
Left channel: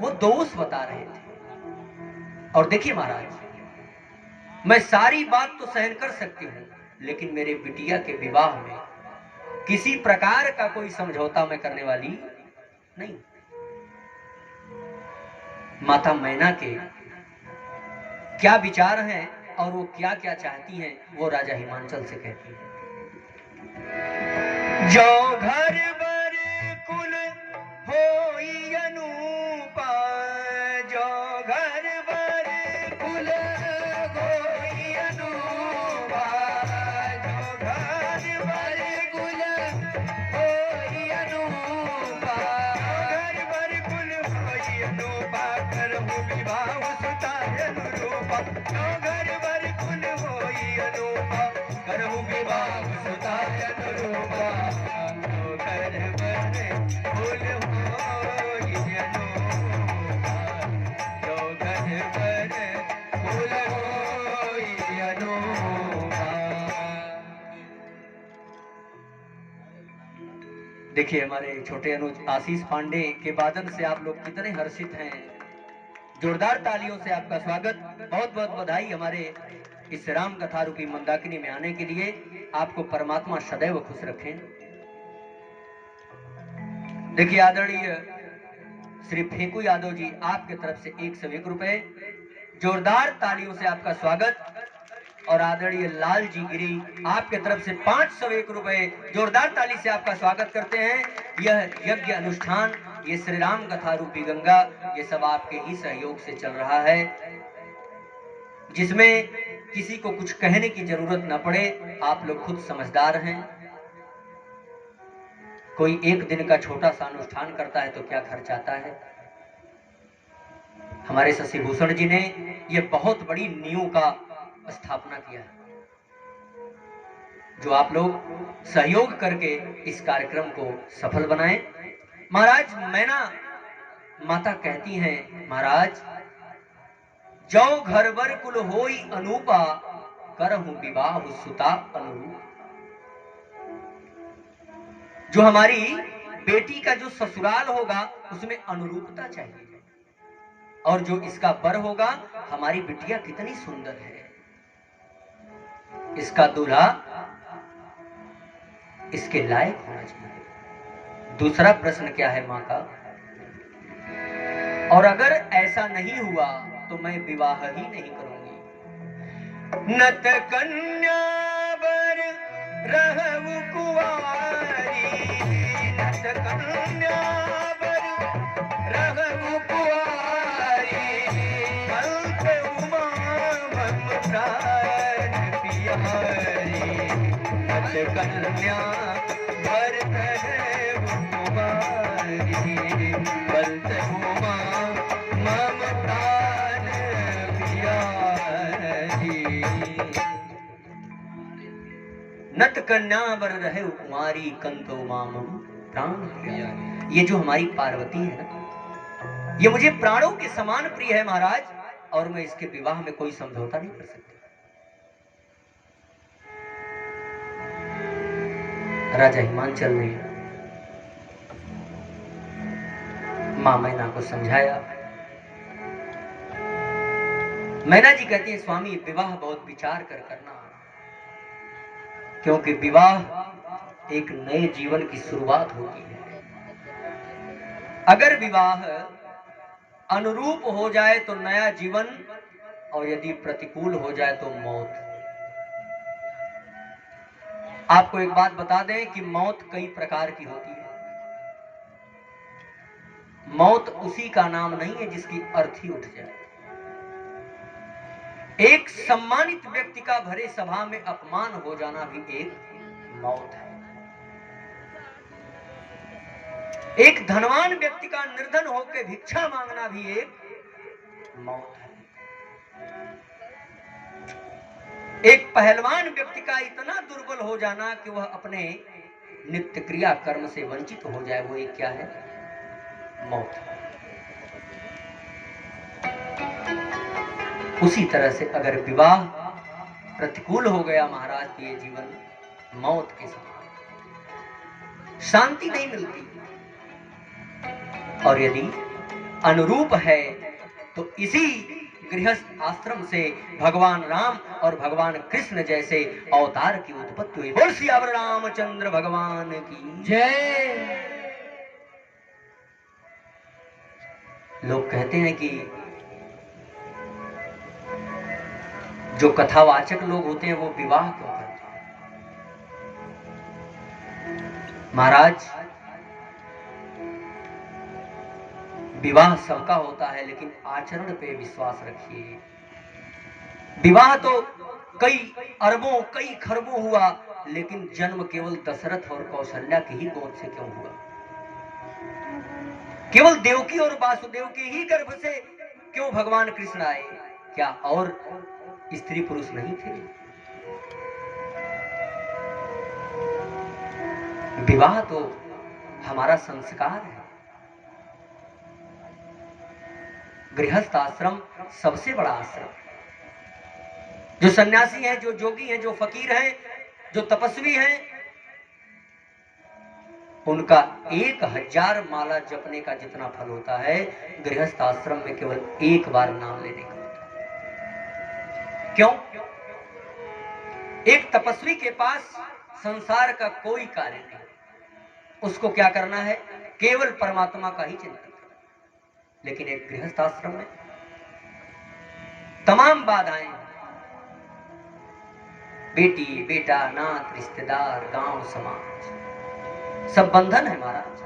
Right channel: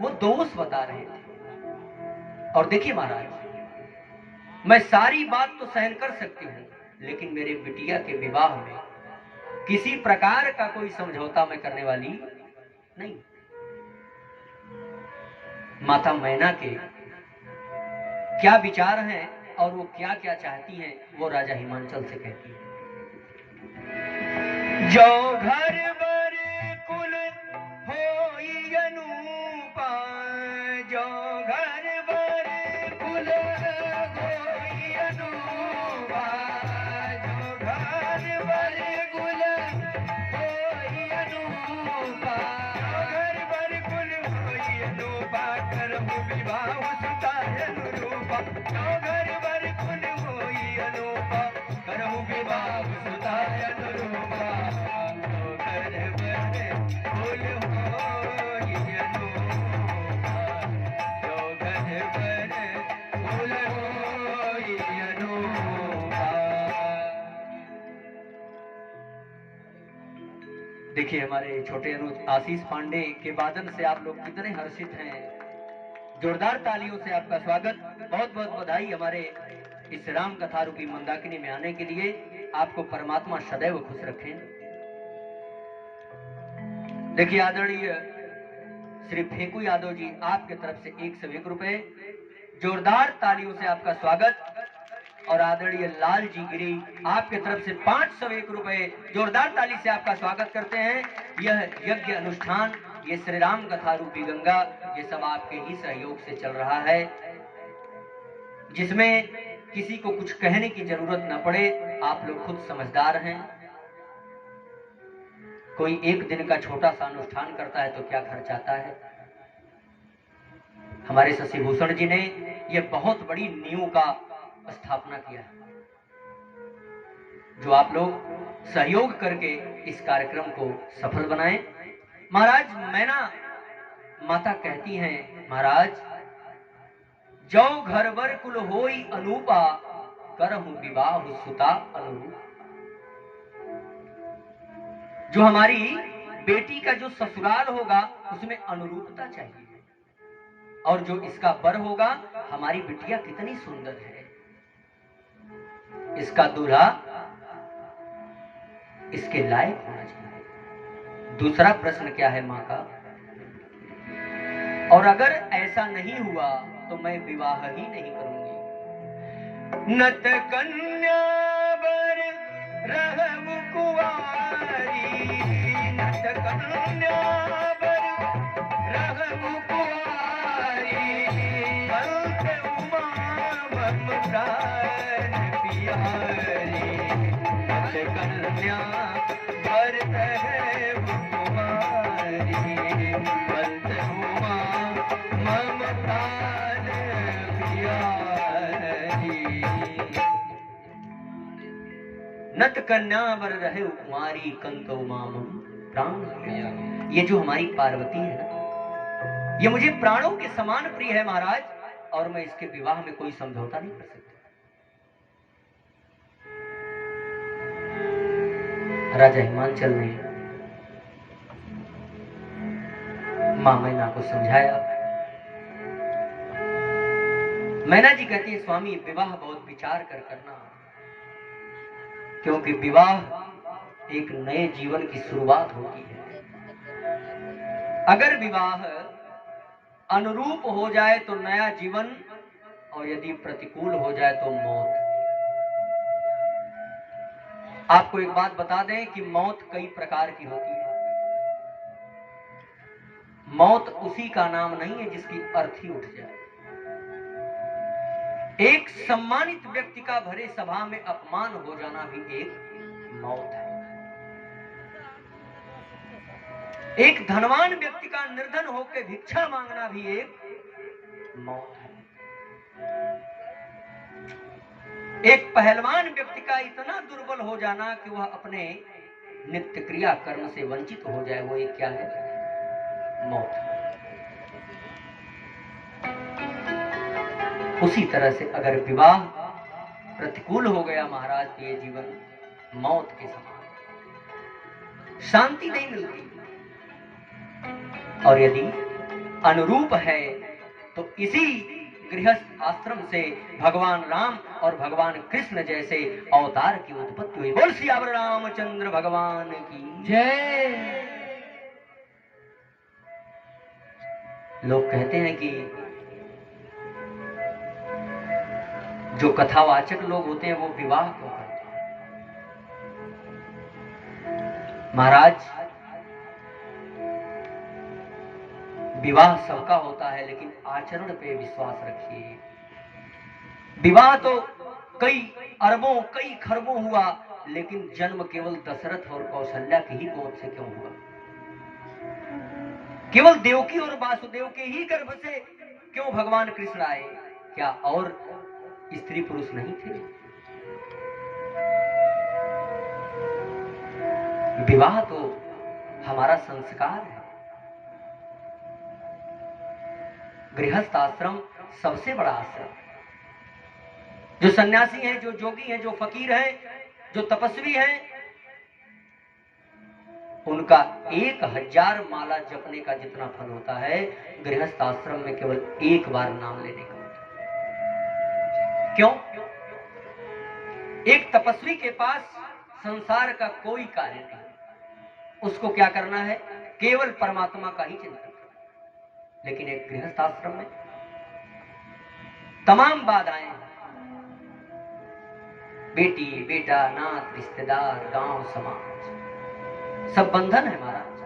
वो दोष बता रहे थे। और देखिए महाराज, मैं सारी बात तो सहन कर सकती हूँ, लेकिन मेरे बिटिया के विवाह में किसी प्रकार का कोई समझौता मैं करने वाली नहीं। माता मैना के क्या विचार हैं और वो क्या क्या चाहती हैं, वो राजा हिमांचल से कहती है। जो घर बर कुल होई अनूपा, जो घर बर कुल होई अनूपा, जो घर बर कुल होई अनूपा, घर बर कुल होई अनूपा, करहु विवाह सुता अनुरूपा, जो घर बर कुल होई अनूपा, करहु विवाह सुता अनुरूपा। देखिए, हमारे छोटे अनुज आशीष पांडे के वादन से आप लोग कितने हर्षित हैं। जोरदार तालियों से आपका स्वागत, बहुत बहुत बधाई हमारे इस राम कथा रूपी मंदाकिनी में आने के लिए। आपको परमात्मा सदैव खुश रखें। देखिए, आदरणीय श्री फेकू यादव जी, आपके तरफ से 101 रुपए, जोरदार तालियों से आपका स्वागत। और आदरणीय लाल जी गिरी, आपके तरफ से 501 रुपए, जोरदार ताली से आपका स्वागत करते हैं। यह यज्ञ अनुष्ठान, ये श्री राम कथा रूपी गंगा, ये सब आपके ही सहयोग से चल रहा है, जिसमें किसी को कुछ कहने की जरूरत न पड़े। आप लोग खुद समझदार हैं। कोई एक दिन का छोटा सा अनुष्ठान करता है तो क्या खर्च आता है। हमारे शशि भूषण जी ने यह बहुत बड़ी नींव का स्थापना किया है, जो आप लोग सहयोग करके इस कार्यक्रम को सफल बनाएं। महाराज, मैना माता कहती हैं, महाराज जो घर बर कुल होई अनूपा, करहु विवाह सुता अनुरूप। जो हमारी बेटी का जो ससुराल होगा उसमें अनुरूपता चाहिए, और जो इसका बर होगा, हमारी बिटिया कितनी सुंदर है, इसका दूल्हा इसके लायक होना चाहिए। दूसरा प्रश्न क्या है मां का, और अगर ऐसा नहीं हुआ तो मैं विवाह ही नहीं करूंगी। नत कन्या बर रहु कुंवारी, नत कन्या बर रहु कुंवारी, अंत उमा मम प्राण पियारी, नत कन्या बर रहु कुंवारी, अंत उमा मम प्राण पियारी। नत कन्या बर रहे कुमारी, कंतो माम प्राण प्रिया। ये जो हमारी पार्वती है ना, ये मुझे प्राणों के समान प्रिय है महाराज, और मैं इसके विवाह में कोई समझौता नहीं कर सकता। राजा हिमांचल ने मां मैना को समझाया। मैना जी कहती है, स्वामी विवाह बहुत विचार कर करना, क्योंकि विवाह एक नए जीवन की शुरुआत होती है। अगर विवाह अनुरूप हो जाए तो नया जीवन, और यदि प्रतिकूल हो जाए तो मौत। आपको एक बात बता दें कि मौत कई प्रकार की होती है। मौत उसी का नाम नहीं है जिसकी अर्थी उठ जाए। एक सम्मानित व्यक्ति का भरे सभा में अपमान हो जाना भी एक मौत है। एक धनवान व्यक्ति का निर्धन होकर भिक्षा मांगना भी एक मौत है। एक पहलवान व्यक्ति का इतना दुर्बल हो जाना कि वह अपने नित्य क्रिया कर्म से वंचित हो जाए, वो एक क्या है? मौत। उसी तरह से अगर विवाह प्रतिकूल हो गया महाराज, तो ये जीवन मौत के समान, शांति नहीं मिलती। और यदि अनुरूप है तो इसी गृहस्थ आश्रम से भगवान राम और भगवान कृष्ण जैसे अवतार की उत्पत्ति हुई। बोल सियावर रामचंद्र भगवान की जय। लोग कहते हैं कि जो कथावाचक लोग होते हैं वो विवाह क्यों करते हैं? महाराज, विवाह सबका होता है, लेकिन आचरण पे विश्वास रखिए। विवाह तो कई अरबों कई खरबों हुआ, लेकिन जन्म केवल दशरथ और कौशल्या की ही गोद से क्यों हुआ? केवल देवकी और वासुदेव के ही गर्भ से क्यों भगवान कृष्ण आए? क्या और स्त्री पुरुष नहीं थे? विवाह तो हमारा संस्कार है। गृहस्थ आश्रम सबसे बड़ा आश्रम। जो सन्यासी हैं, जो जोगी हैं, जो फकीर हैं, जो तपस्वी हैं, उनका 1000 माला जपने का जितना फल होता है, गृहस्थ आश्रम में केवल एक बार नाम लेने का होता है। क्यों? एक तपस्वी के पास संसार का कोई कार्य नहीं, उसको क्या करना है? केवल परमात्मा का ही चिंतन करना। लेकिन एक गृहस्थ आश्रम में तमाम बाधाएं, बेटी बेटा, नात रिश्तेदार, गांव समाज, सब बंधन है महाराज।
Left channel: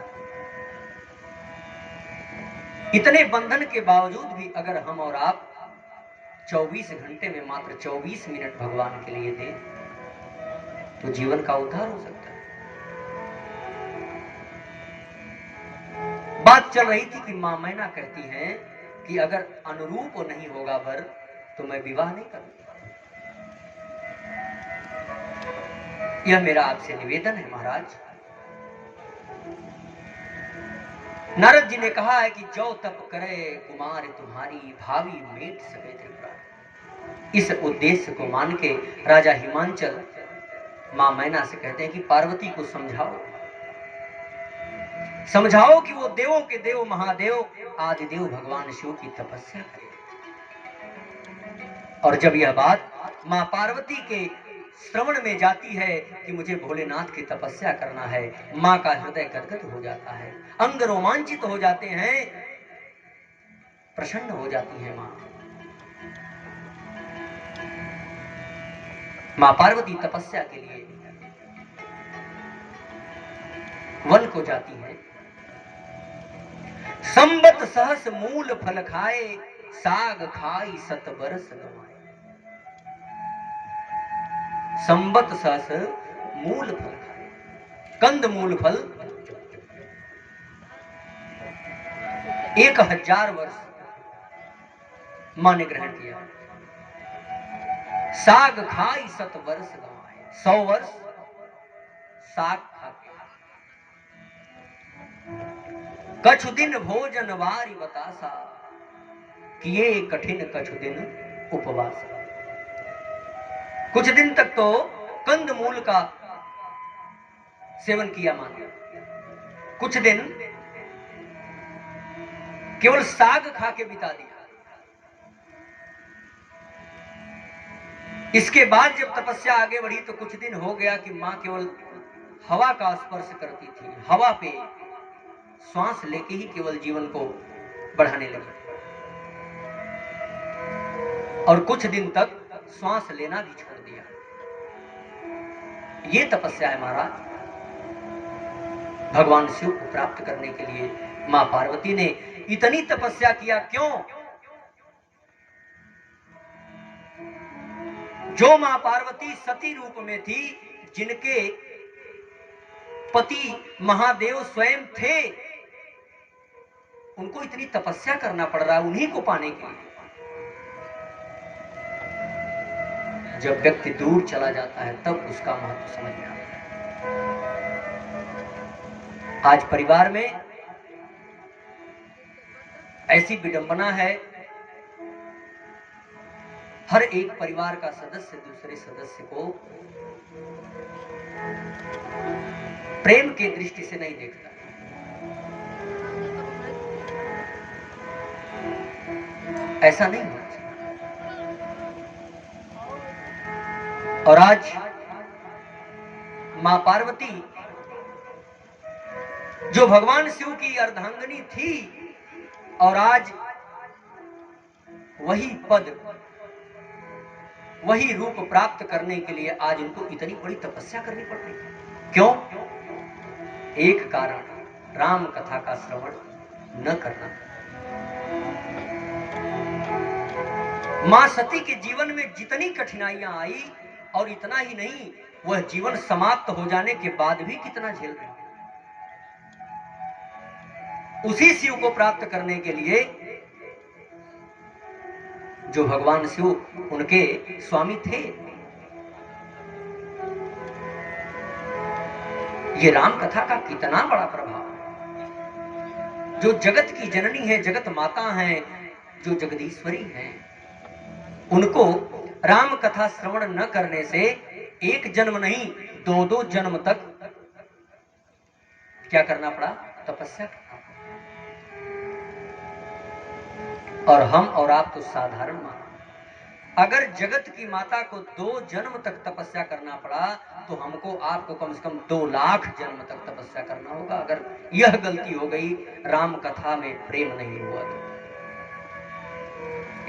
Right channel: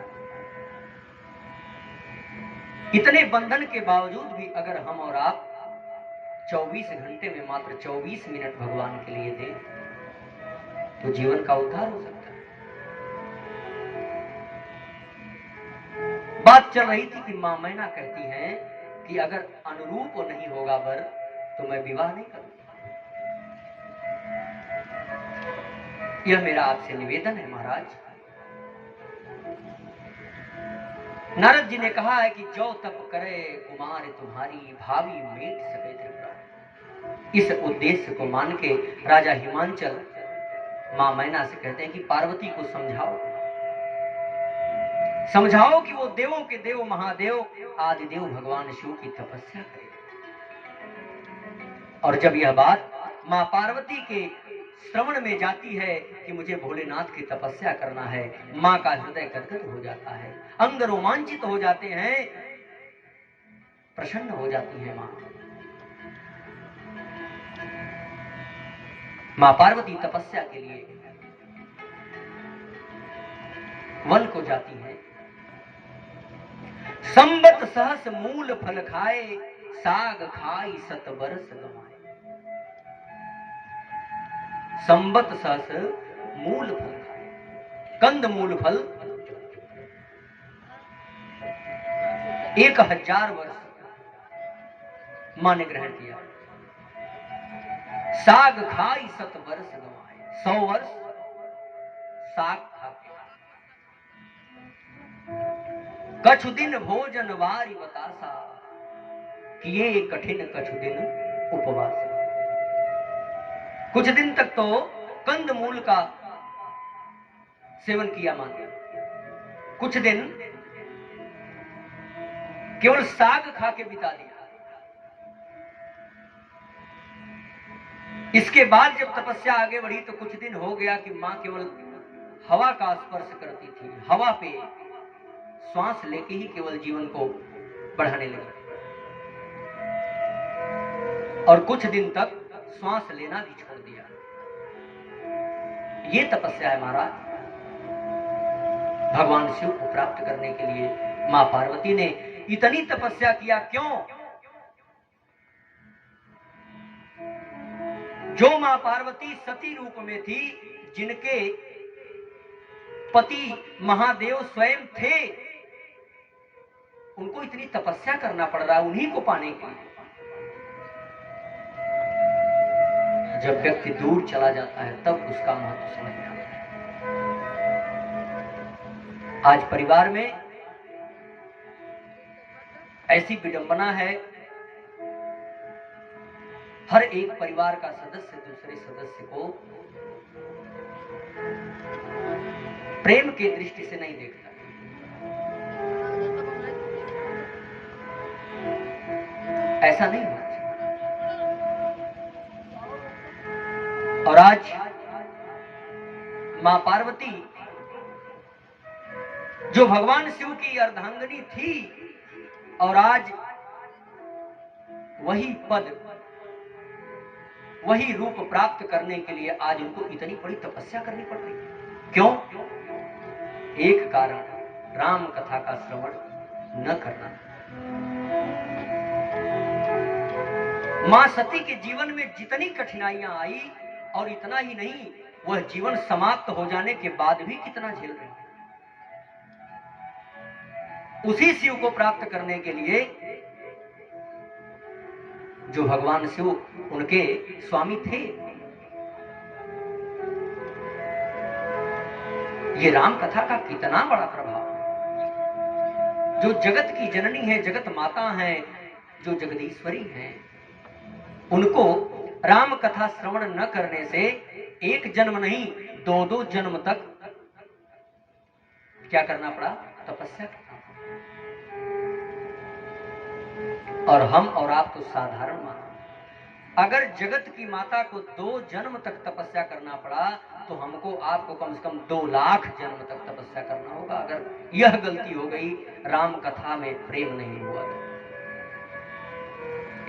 इतने बंधन के बावजूद भी अगर हम और आप 24 घंटे में मात्र 24 मिनट भगवान के लिए दें, तो जीवन का उद्धार हो सकता है। बात चल रही थी कि मां मैना कहती हैं कि अगर अनुरूप नहीं होगा वर, तो मैं विवाह नहीं करूंगा। यह मेरा आपसे निवेदन है महाराज। नारद जी ने कहा है कि जो तप करे कुमार तुम्हारी, भावी मेट सके त्रिपुरा। इस उद्देश्य को मान के राजा हिमांचल मां मैना से कहते हैं कि पार्वती को समझाओ, समझाओ कि वो देवों के देव महादेव आदिदेव भगवान शिव की तपस्या करे। और जब यह बात मां पार्वती के श्रवण में जाती है कि मुझे भोलेनाथ की तपस्या करना है, मां का हृदय गदगद हो जाता है, अंग रोमांचित हो जाते हैं, प्रसन्न हो जाती है मां। मां पार्वती तपस्या के लिए वन को जाती है। संबत सहस मूल फल खाए, साग खाई 7 बरस गवाए। संबत सहस मूल फल खाए, कंद मूल फल 1000 वर्ष मां ने ग्रहण किया। साग खाई 7 वर्ष गवाए, 100 वर्ष साग खाते। कछु दिन भोजन वारी बतासा, किए कठिन कछु दिन उपवास। कुछ दिन तक तो कंद मूल का सेवन किया मां ने, कुछ दिन केवल साग खा के बिता दिया। इसके बाद जब तपस्या आगे बढ़ी तो कुछ दिन हो गया कि मां केवल हवा का स्पर्श करती थी, हवा पे श्वास लेके ही केवल जीवन को बढ़ाने लगी, और कुछ दिन तक श्वास लेना भी छोड़ दिया। ये तपस्या है महाराज। भगवान शिव को प्राप्त करने के लिए मां पार्वती ने इतनी तपस्या किया। क्यों? जो मां पार्वती सती रूप में थी, जिनके पति महादेव स्वयं थे, उनको इतनी तपस्या करना पड़ रहा है उन्हीं को पाने के लिए। जब व्यक्ति दूर चला जाता है तब उसका महत्व समझ में आता है। आज परिवार में ऐसी विडंबना है, हर एक परिवार का सदस्य दूसरे सदस्य को प्रेम की दृष्टि से नहीं देखता। ऐसा नहीं होना चाहिए। और आज मां पार्वती जो भगवान शिव की अर्धांगिनी थी, और आज वही पद, वही रूप प्राप्त करने के लिए आज इनको इतनी बड़ी तपस्या करनी पड़ रही है। क्यों? एक कारण, राम कथा का श्रवण न करना। मां सती के जीवन में जितनी कठिनाइयां आई, और इतना ही नहीं, वह जीवन समाप्त हो जाने के बाद भी कितना झेल रही है। उसी शिव को प्राप्त करने के लिए जो भगवान शिव उनके स्वामी थे, ये राम कथा का कितना बड़ा प्रभाव है। जो जगत की जननी है, जगत माता है, जो जगदीश्वरी है, उनको राम कथा श्रवण न करने से एक जन्म नहीं, दो जन्म तक क्या करना पड़ा? तपस्या करना। और हम और आप तो साधारण मानव। अगर जगत की माता को 2 जन्म तक तपस्या करना पड़ा, तो हमको आपको कम से कम 2 लाख जन्म तक तपस्या करना होगा, अगर यह गलती हो गई राम कथा में प्रेम नहीं हुआ तो।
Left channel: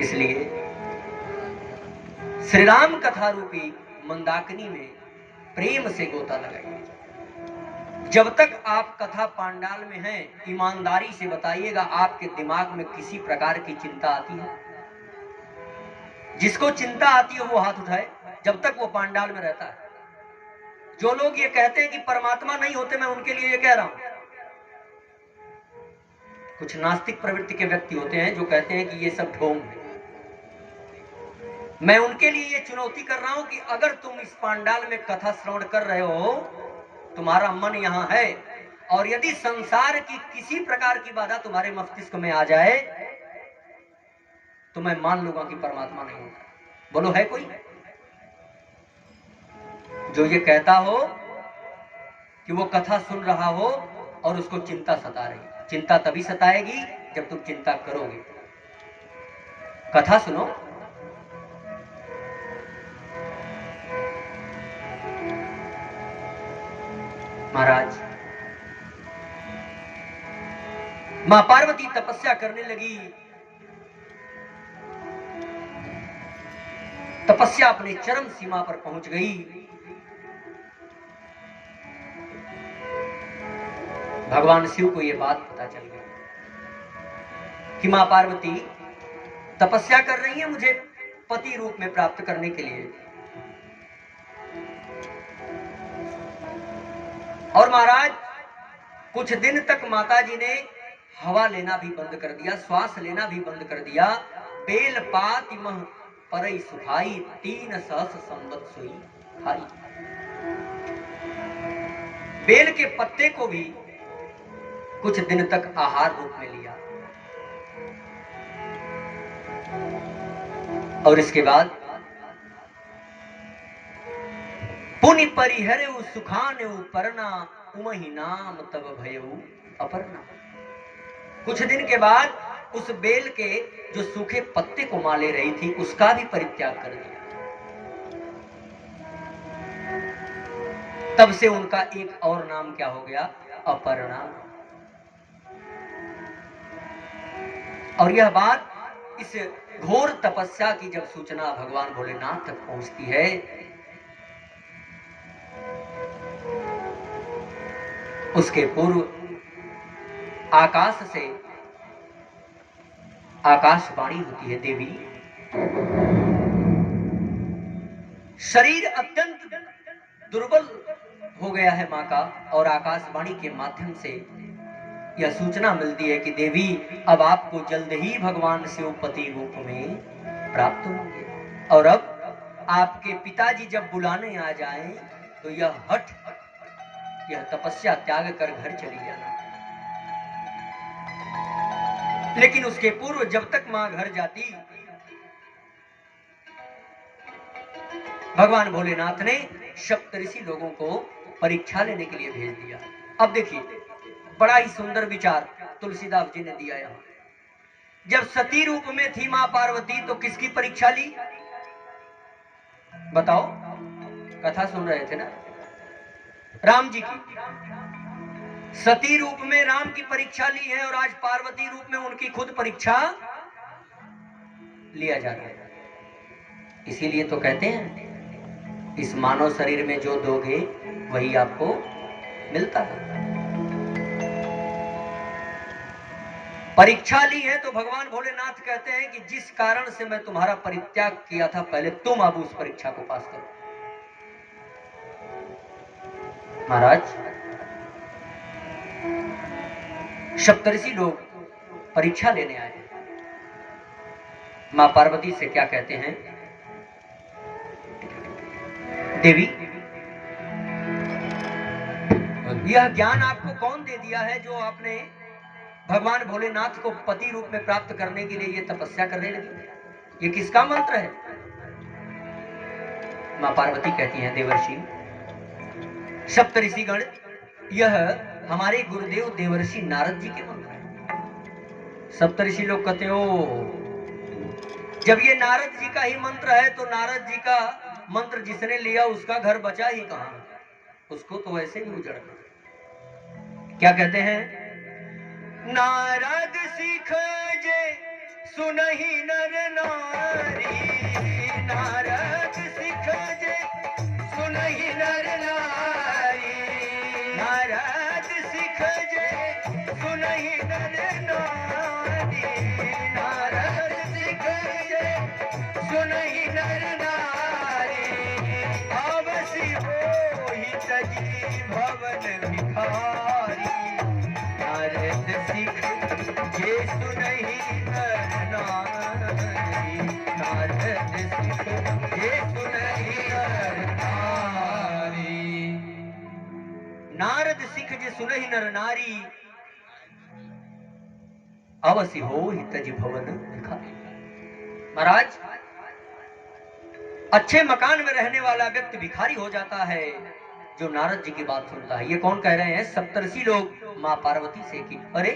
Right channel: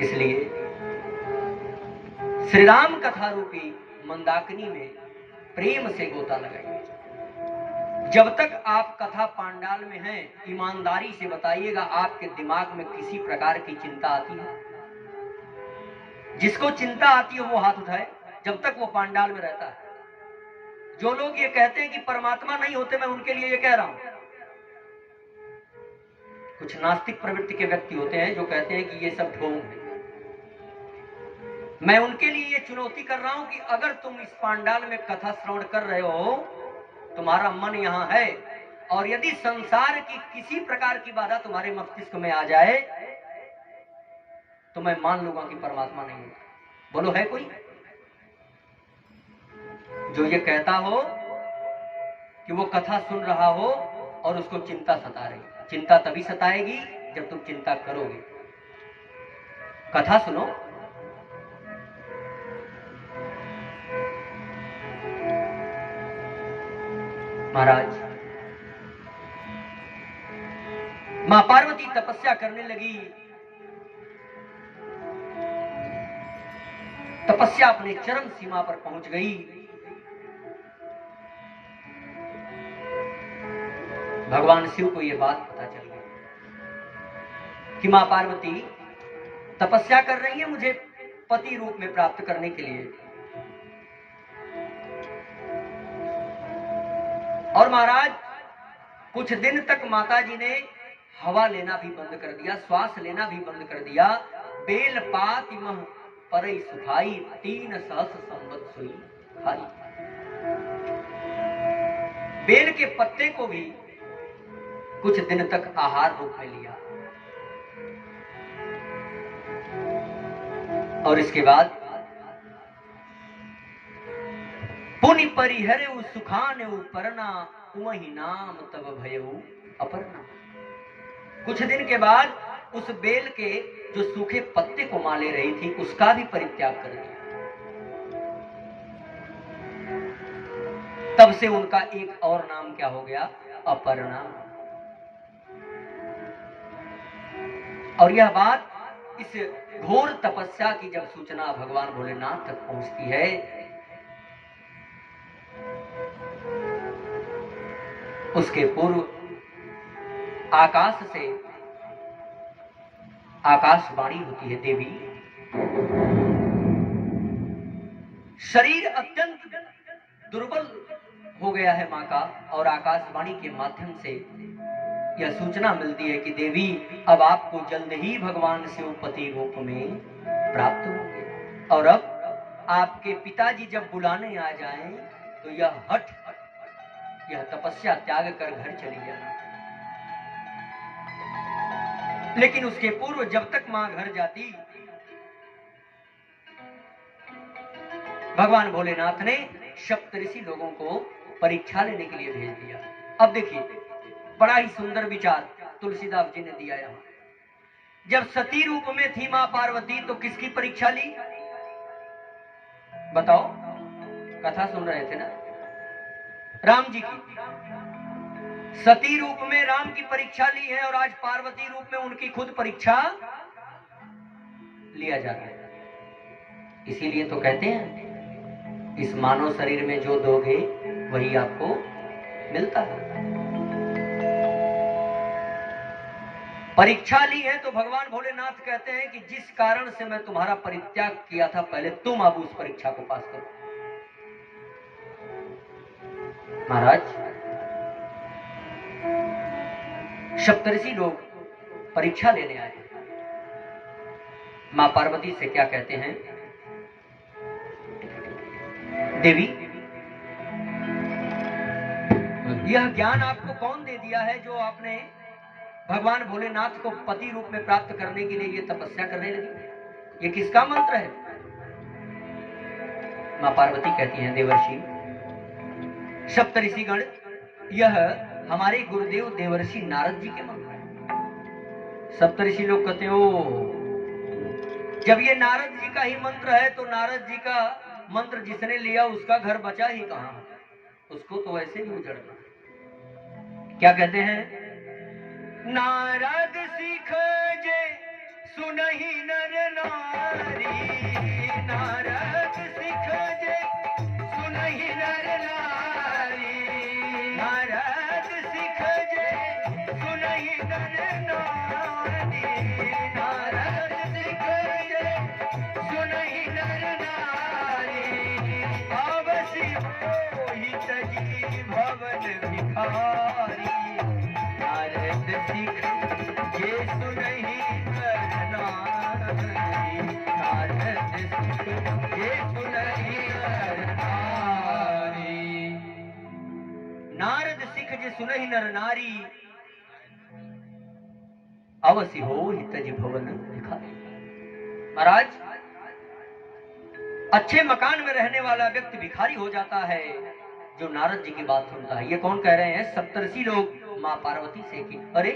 इसलिए श्री राम कथा रूपी मंदाकिनी में प्रेम से गोता लगाइए। जब तक आप कथा पांडाल में हैं, ईमानदारी से बताइएगा, आपके दिमाग में किसी प्रकार की चिंता आती है? जिसको चिंता आती है वो हाथ उठाए, जब तक वो पांडाल में रहता है। जो लोग ये कहते हैं कि परमात्मा नहीं होते, मैं उनके लिए ये कह रहा हूं। कुछ नास्तिक प्रवृत्ति के व्यक्ति होते हैं जो कहते हैं कि ये सब ढोंग है। मैं उनके लिए ये चुनौती कर रहा हूं कि अगर तुम इस पांडाल में कथा श्रवण कर रहे हो, तुम्हारा मन यहां है, और यदि संसार की किसी प्रकार की बाधा तुम्हारे मस्तिष्क में आ जाए, तो मैं मान लूंगा कि परमात्मा नहीं होता। बोलो, है कोई जो ये कहता हो कि वो कथा सुन रहा हो और उसको चिंता सता रही? चिंता तभी सताएगी जब तुम चिंता करोगे। कथा सुनो, महाराज मां पार्वती तपस्या करने लगी। तपस्या अपने चरम सीमा पर पहुंच गई। भगवान शिव को यह बात पता चल गई कि मां पार्वती तपस्या कर रही है मुझे पति रूप में प्राप्त करने के लिए। और महाराज कुछ दिन तक माताजी ने हवा लेना भी बंद कर दिया, श्वास लेना भी बंद कर दिया। बेल पात मह परई सुखाई, 3 सहस संवत सोई खाई। बेल के पत्ते को भी कुछ दिन तक आहार रूप में लिया, और इसके बाद पुनि परिहरे सुखाने परना, उमहि नाम तब भयऊ अपर्णा। कुछ दिन के बाद उस बेल के जो सूखे पत्ते को मां ले रही थी, उसका भी परित्याग कर दिया। तब से उनका एक और नाम क्या हो गया? अपर्णा। और यह बात, इस घोर तपस्या की जब सूचना भगवान भोलेनाथ तक पहुंचती है, उसके पूर्व आकाश से आकाशवाणी होती है, देवी शरीर अत्यंत दुर्बल हो गया है मां का, और आकाशवाणी के माध्यम से यह सूचना मिलती है कि देवी अब आपको जल्द ही भगवान शिव पति रूप में प्राप्त होंगे। और अब आपके पिताजी जब बुलाने आ जाएं तो यह हठ, यह तपस्या त्याग कर घर चली जाना। लेकिन उसके पूर्व जब तक मां घर जाती, भगवान भोलेनाथ ने सप्तऋषि लोगों को परीक्षा लेने के लिए भेज दिया। अब देखिए, बड़ा ही सुंदर विचार तुलसीदास जी ने दिया यहां। जब सती रूप में थी मां पार्वती तो किसकी परीक्षा ली? बताओ, कथा सुन रहे थे ना, राम जी की। सती रूप में राम की परीक्षा ली है और आज पार्वती रूप में उनकी खुद परीक्षा लिया जा रहा है। इसीलिए तो कहते हैं इस मानव शरीर में जो दोगे वही आपको मिलता है। परीक्षा ली है तो भगवान भोलेनाथ कहते हैं कि जिस कारण से मैं तुम्हारा परित्याग किया था, पहले तुम अब उस परीक्षा को पास करो। महाराज, सप्तऋषि लोग परीक्षा लेने आए। मां पार्वती से क्या कहते हैं? देवी, यह ज्ञान आपको कौन दे दिया है जो आपने भगवान भोलेनाथ को पति रूप में प्राप्त करने के लिए ये तपस्या करने लगी? ये किसका मंत्र है? मां पार्वती कहती हैं, देवर्षि, सप्तऋषिगण, यह हमारे गुरुदेव देवर्षि नारद जी के मंत्र हैं। सप्तऋषि लोग कहते हो, जब ये नारद जी का ही मंत्र है तो नारद जी का मंत्र जिसने लिया उसका घर बचा ही कहां? उसको तो ऐसे भी उजड़ना। क्या कहते हैं? नारद सिख जे सुनहि नर नारी, नारद सिख जे सुनहि नर नारी, नारद सिख जे सुनहि नर नारी, नारद सिख जे सुनहि नर नारी, अवसि होहि तजी भवन भिखारी, नारद सिख जे सुनहि नर नारी, नारद सिख जे सुनहि नर नारी, नारद सिख जे सुनहि नर नारी, अवसि होहि तज भवन भिखारी। महाराज, अच्छे मकान में रहने वाला व्यक्ति भिखारी हो जाता है जो नारद जी की बात सुनता है। ये कौन कह रहे हैं? सप्तऋषि लोग मां पार्वती से कि अरे,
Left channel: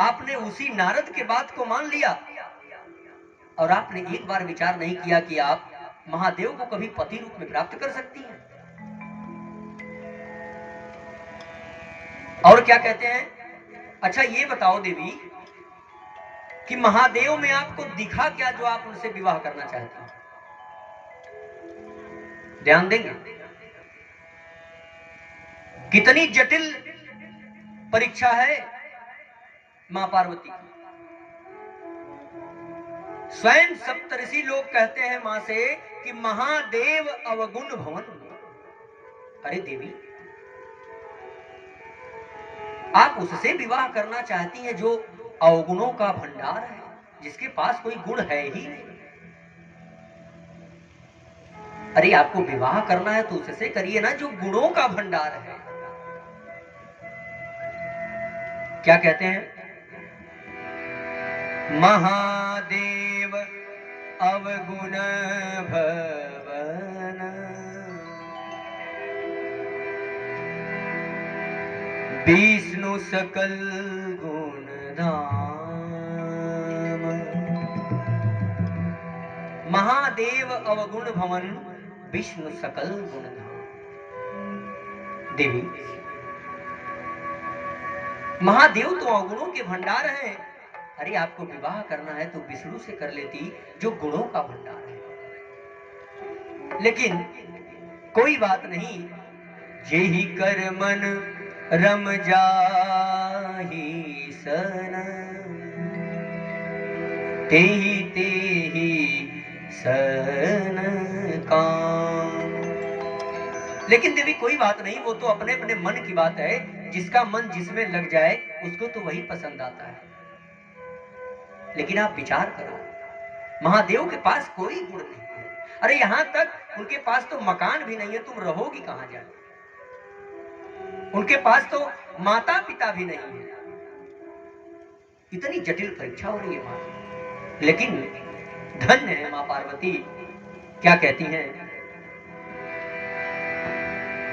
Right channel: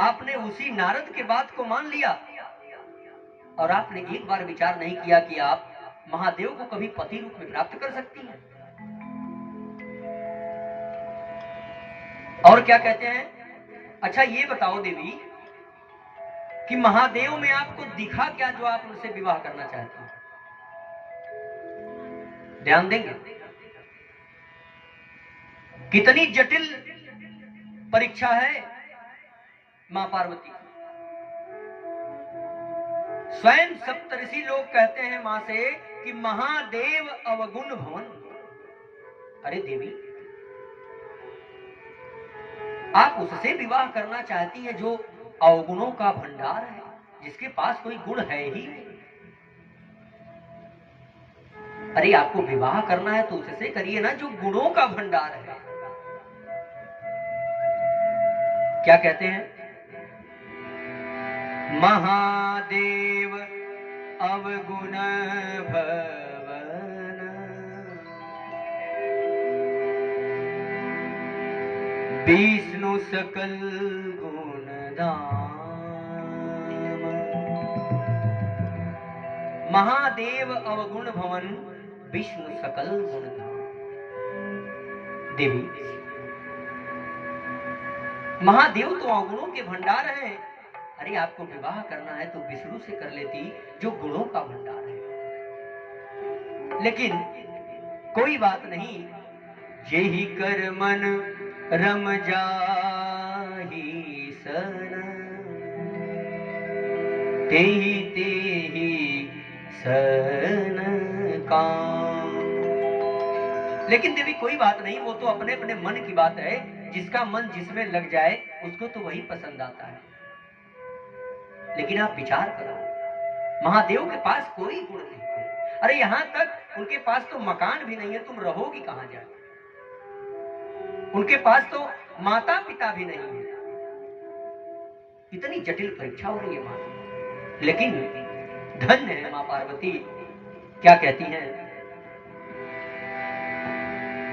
आपने उसी नारद के बात को मान लिया और आपने एक बार विचार नहीं किया कि आप महादेव को कभी पति रूप में प्राप्त कर सकती हैं। और क्या कहते हैं? अच्छा ये बताओ देवी कि महादेव में आपको दिखा क्या जो आप उनसे विवाह करना चाहते हैं? ध्यान देंगे, कितनी जटिल परीक्षा है मां पार्वती। स्वयं सप्तऋषि लोग कहते हैं मां से कि महादेव अवगुण भवन। अरे देवी, आप उससे विवाह करना चाहती हैं जो अवगुणों का भंडार है, जिसके पास कोई गुण है ही नहीं। अरे आपको विवाह करना है तो उससे करिए ना जो गुणों का भंडार है। क्या कहते हैं? महादेव अवगुण भवन, विष्णु सकल गुण धाम। महादेव अवगुण भवन, विष्णु सकल गुण धाम। देवी, महादेव तो अवगुणों के भंडार है। अरे आपको विवाह करना है तो विष्णु से कर लेती जो गुणों का भंडार है। लेकिन कोई बात नहीं, जेहि कर मन रम जाहि सन, तेहि तेहि सन काम। लेकिन देवी कोई बात नहीं, वो तो अपने अपने मन की बात है। जिसका मन जिसमें लग जाए उसको तो वही पसंद आता है। लेकिन आप विचार करो, महादेव के पास कोई गुण नहीं है। अरे यहां तक उनके पास तो मकान भी नहीं है, तुम रहोगी कहां जा? उनके पास तो माता पिता भी नहीं है। इतनी जटिल परीक्षा हो रही है मां, लेकिन धन्य है मां पार्वती। क्या कहती हैं?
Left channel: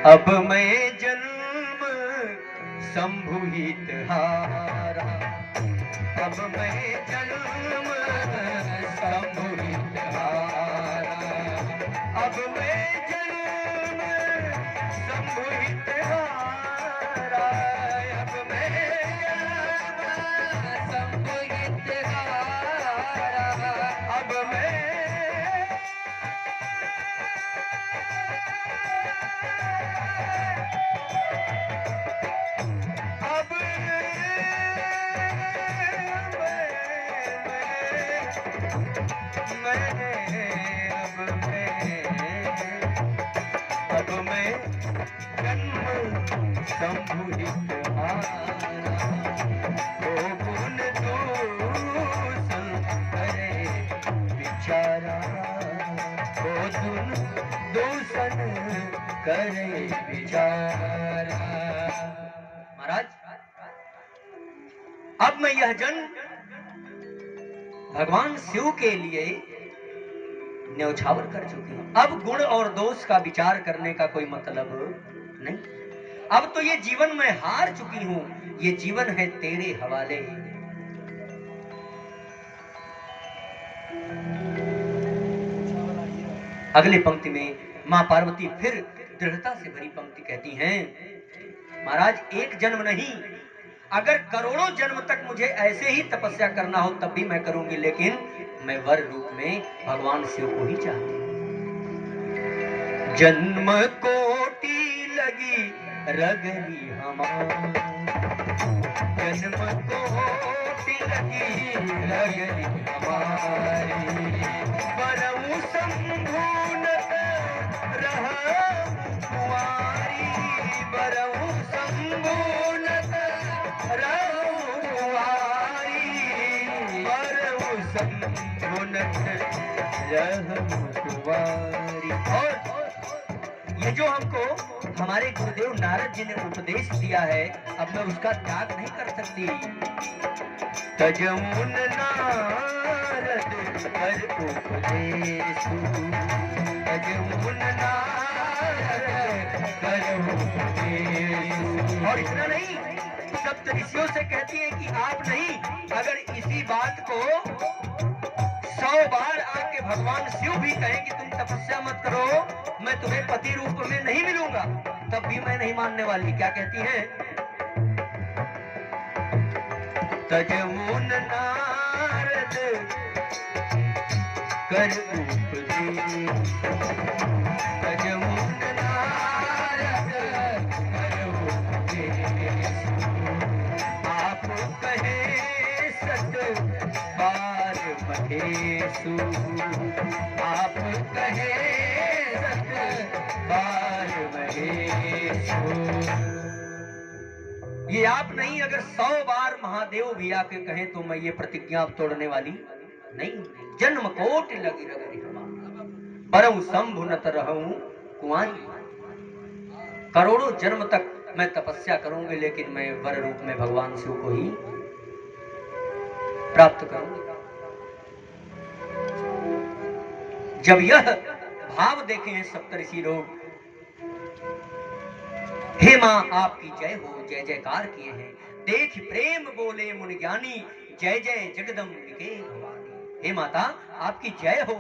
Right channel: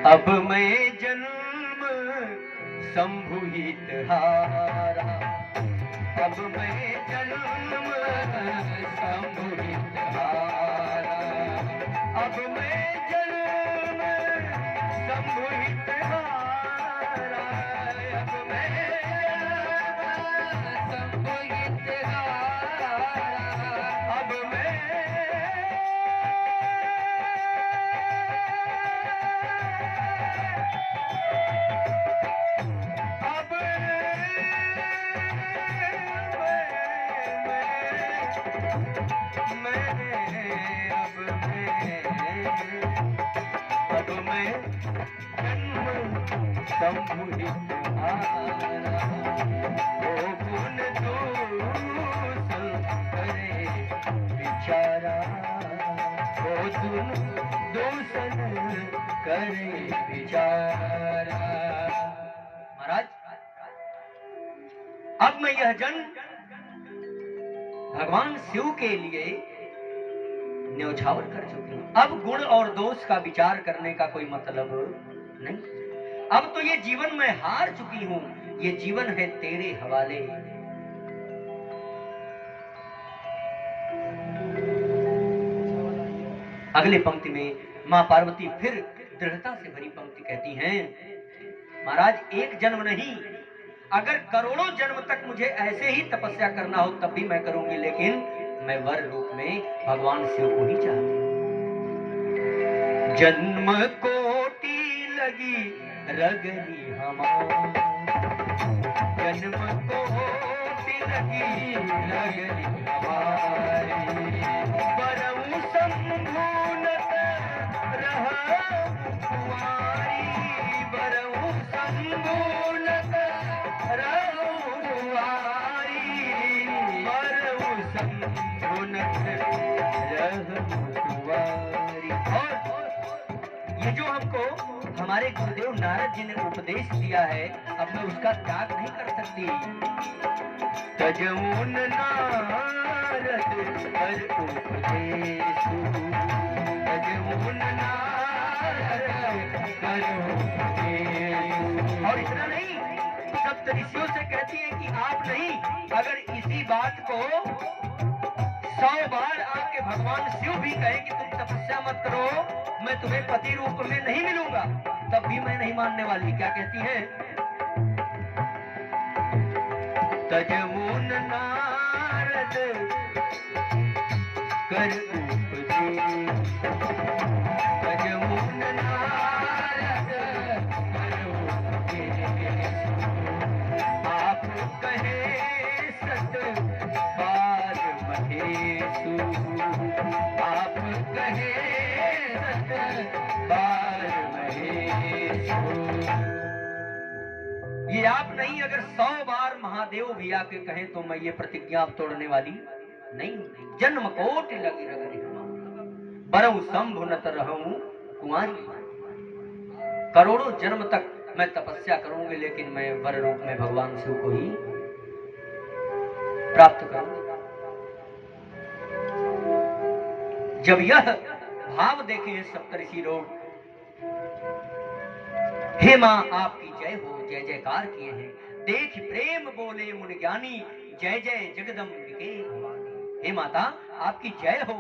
अब मैं जन्म संभुहित हारा, अब मैं जन्म संभुहित हारा, अब मैं जन्म संभुहित हारा, अब मैं जन्म संभुहित हारा, अब मैं संभुहित हारा, ओ गुण दूषण करे बिचारा, ओ गुण दूषण करे बिचारा। महाराज, अब मैं यह जन्म भगवान शिव के लिए न्यौछावर कर चुकी हूं। अब गुण और दोष का विचार करने का कोई मतलब नहीं। अब तो ये जीवन में हार चुकी हूं, ये जीवन है तेरे हवाले। अगली पंक्ति में मां पार्वती फिर दृढ़ता से भरी पंक्ति कहती हैं, महाराज एक जन्म नहीं, अगर करोड़ों जन्म तक मुझे ऐसे ही तपस्या करना हो तब भी मैं करूंगी, लेकिन मैं वर रूप में भगवान शिव को ही चाहती हूं। जन्म कोटि लगी रगरी हमारी, जन्म कोटि लगी रगरी हमारी, परम संभूनत रह कुंवारी, परम संभूनत रह कुंवारी, परम संभूनत रह कुंवारी। और ये जो हमको हमारे गुरुदेव नारद जी ने उपदेश दिया है, अब मैं उसका त्याग नहीं कर सकती। तजऊन नारद कर उपदेश, तजऊन नारद कर उपदेश। और इतना नहीं, सप्त ऋषियों से कहती है कि आप नहीं, अगर इसी बात को 100 बार आपके भगवान शिव भी कहें कि तुम तपस्या मत करो, मैं तुम्हें पति रूप में नहीं मिलूंगा, तब भी मैं नहीं मानने वाली। क्या कहती है? तजऊन नारद कर उपदेश, तजऊन नारद कर उपदेश, आप कहे सत बार महेशु, आप कहे सत बार महेशु। ये आप नहीं, अगर 100 बार महादेव भी आके कहें तो मैं ये प्रतिज्ञा तोड़ने वाली नहीं। जन्म कोटि लगी रगरी हमारी, बरऊ शंभु नत रहूं कुंवारी, करोड़ों जन्म तक मैं तपस्या करूंगी, लेकिन मैं वर रूप में भगवान शिव को ही प्राप्त करूंगी। जब यह भाव देखे हैं सप्तऋषि लोग, हे मां आपकी जय हो, जय जयकार किए हैं। देख प्रेम बोले मुनि ज्ञानी, जय जय जगदम्बिके भवानी। हे माता आपकी जय हो,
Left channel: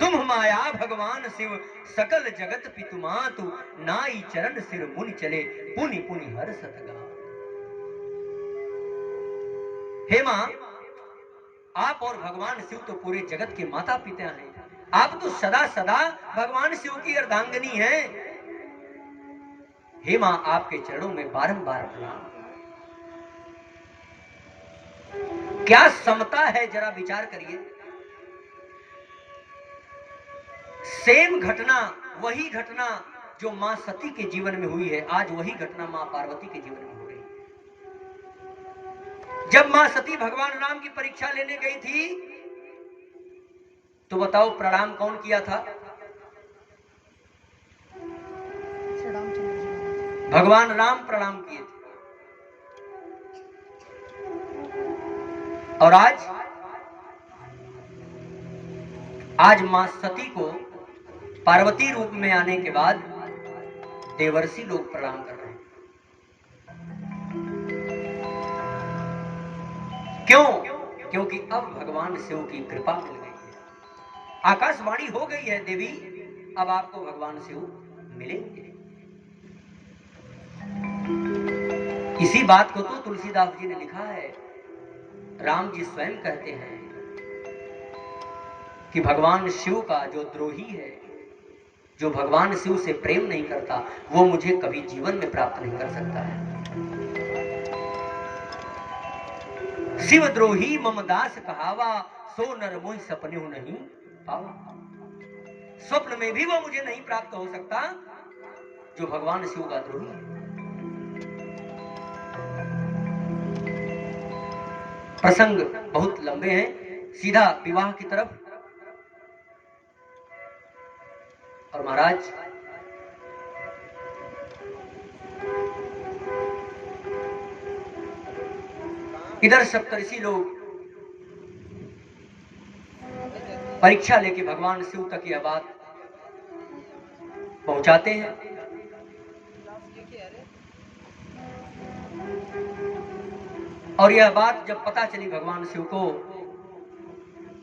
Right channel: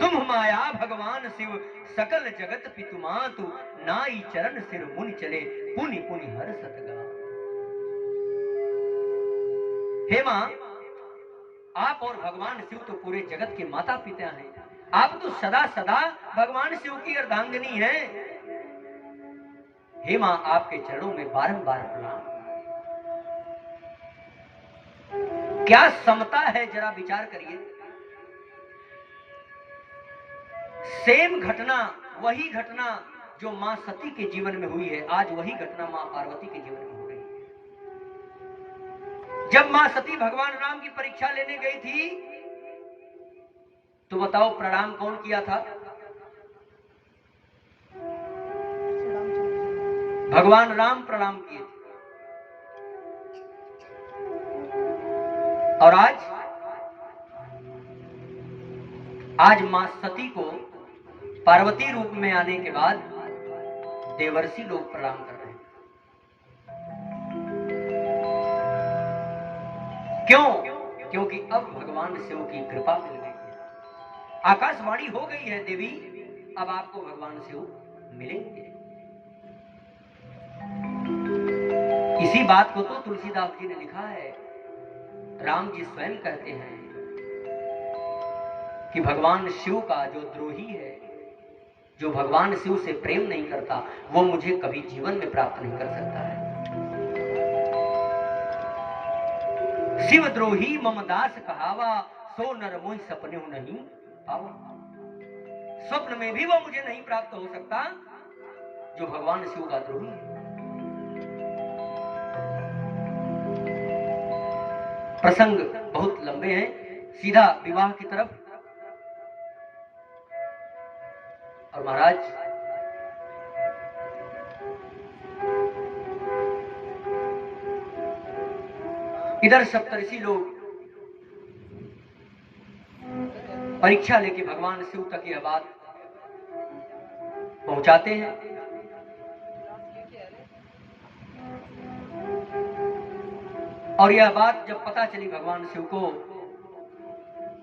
तुम माया भगवान शिव सकल जगत पितु मातु, नाई चरण सिर मुनि चले पुनि पुनि हर सतगा। हे मां, आप और भगवान शिव तो पूरे जगत के माता पिता हैं। आप तो सदा सदा भगवान शिव की अर्धांगिनी हैं। हे मां, आपके चरणों में बारंबार प्रणाम। क्या समता है, जरा विचार करिए। सेम घटना, वही घटना जो मां सती के जीवन में हुई है, आज वही घटना मां पार्वती के जीवन में हो रही है। जब मां सती भगवान राम की परीक्षा लेने गई थी तो बताओ प्रणाम कौन किया था? भगवान राम प्रणाम किए थे। और आज मां सती को पार्वती रूप में आने के बाद देवर्षि लोग प्रणाम कर रहे हैं। क्यों? क्योंकि अब भगवान शिव की कृपा मिल गई है, आकाशवाणी हो गई है, देवी अब आपको भगवान शिव मिलेंगे। इसी बात को तो तुलसीदास जी ने लिखा है। राम जी स्वयं कहते हैं कि भगवान शिव का जो द्रोही है, जो भगवान शिव से प्रेम नहीं करता, वो मुझे कभी जीवन में प्राप्त नहीं कर सकता है। शिव द्रोही मम दास कहावा, सो नर मोहि सपने नहीं पावा। स्वप्न में भी वो मुझे नहीं प्राप्त हो सकता जो भगवान शिव का द्रोही है। प्रसंग बहुत लंबे हैं, सीधा विवाह की तरफ। और महाराज इधर सप्तऋषि लोग परीक्षा लेके भगवान शिव तक यह बात पहुंचाते हैं। और यह बात जब पता चली भगवान शिव को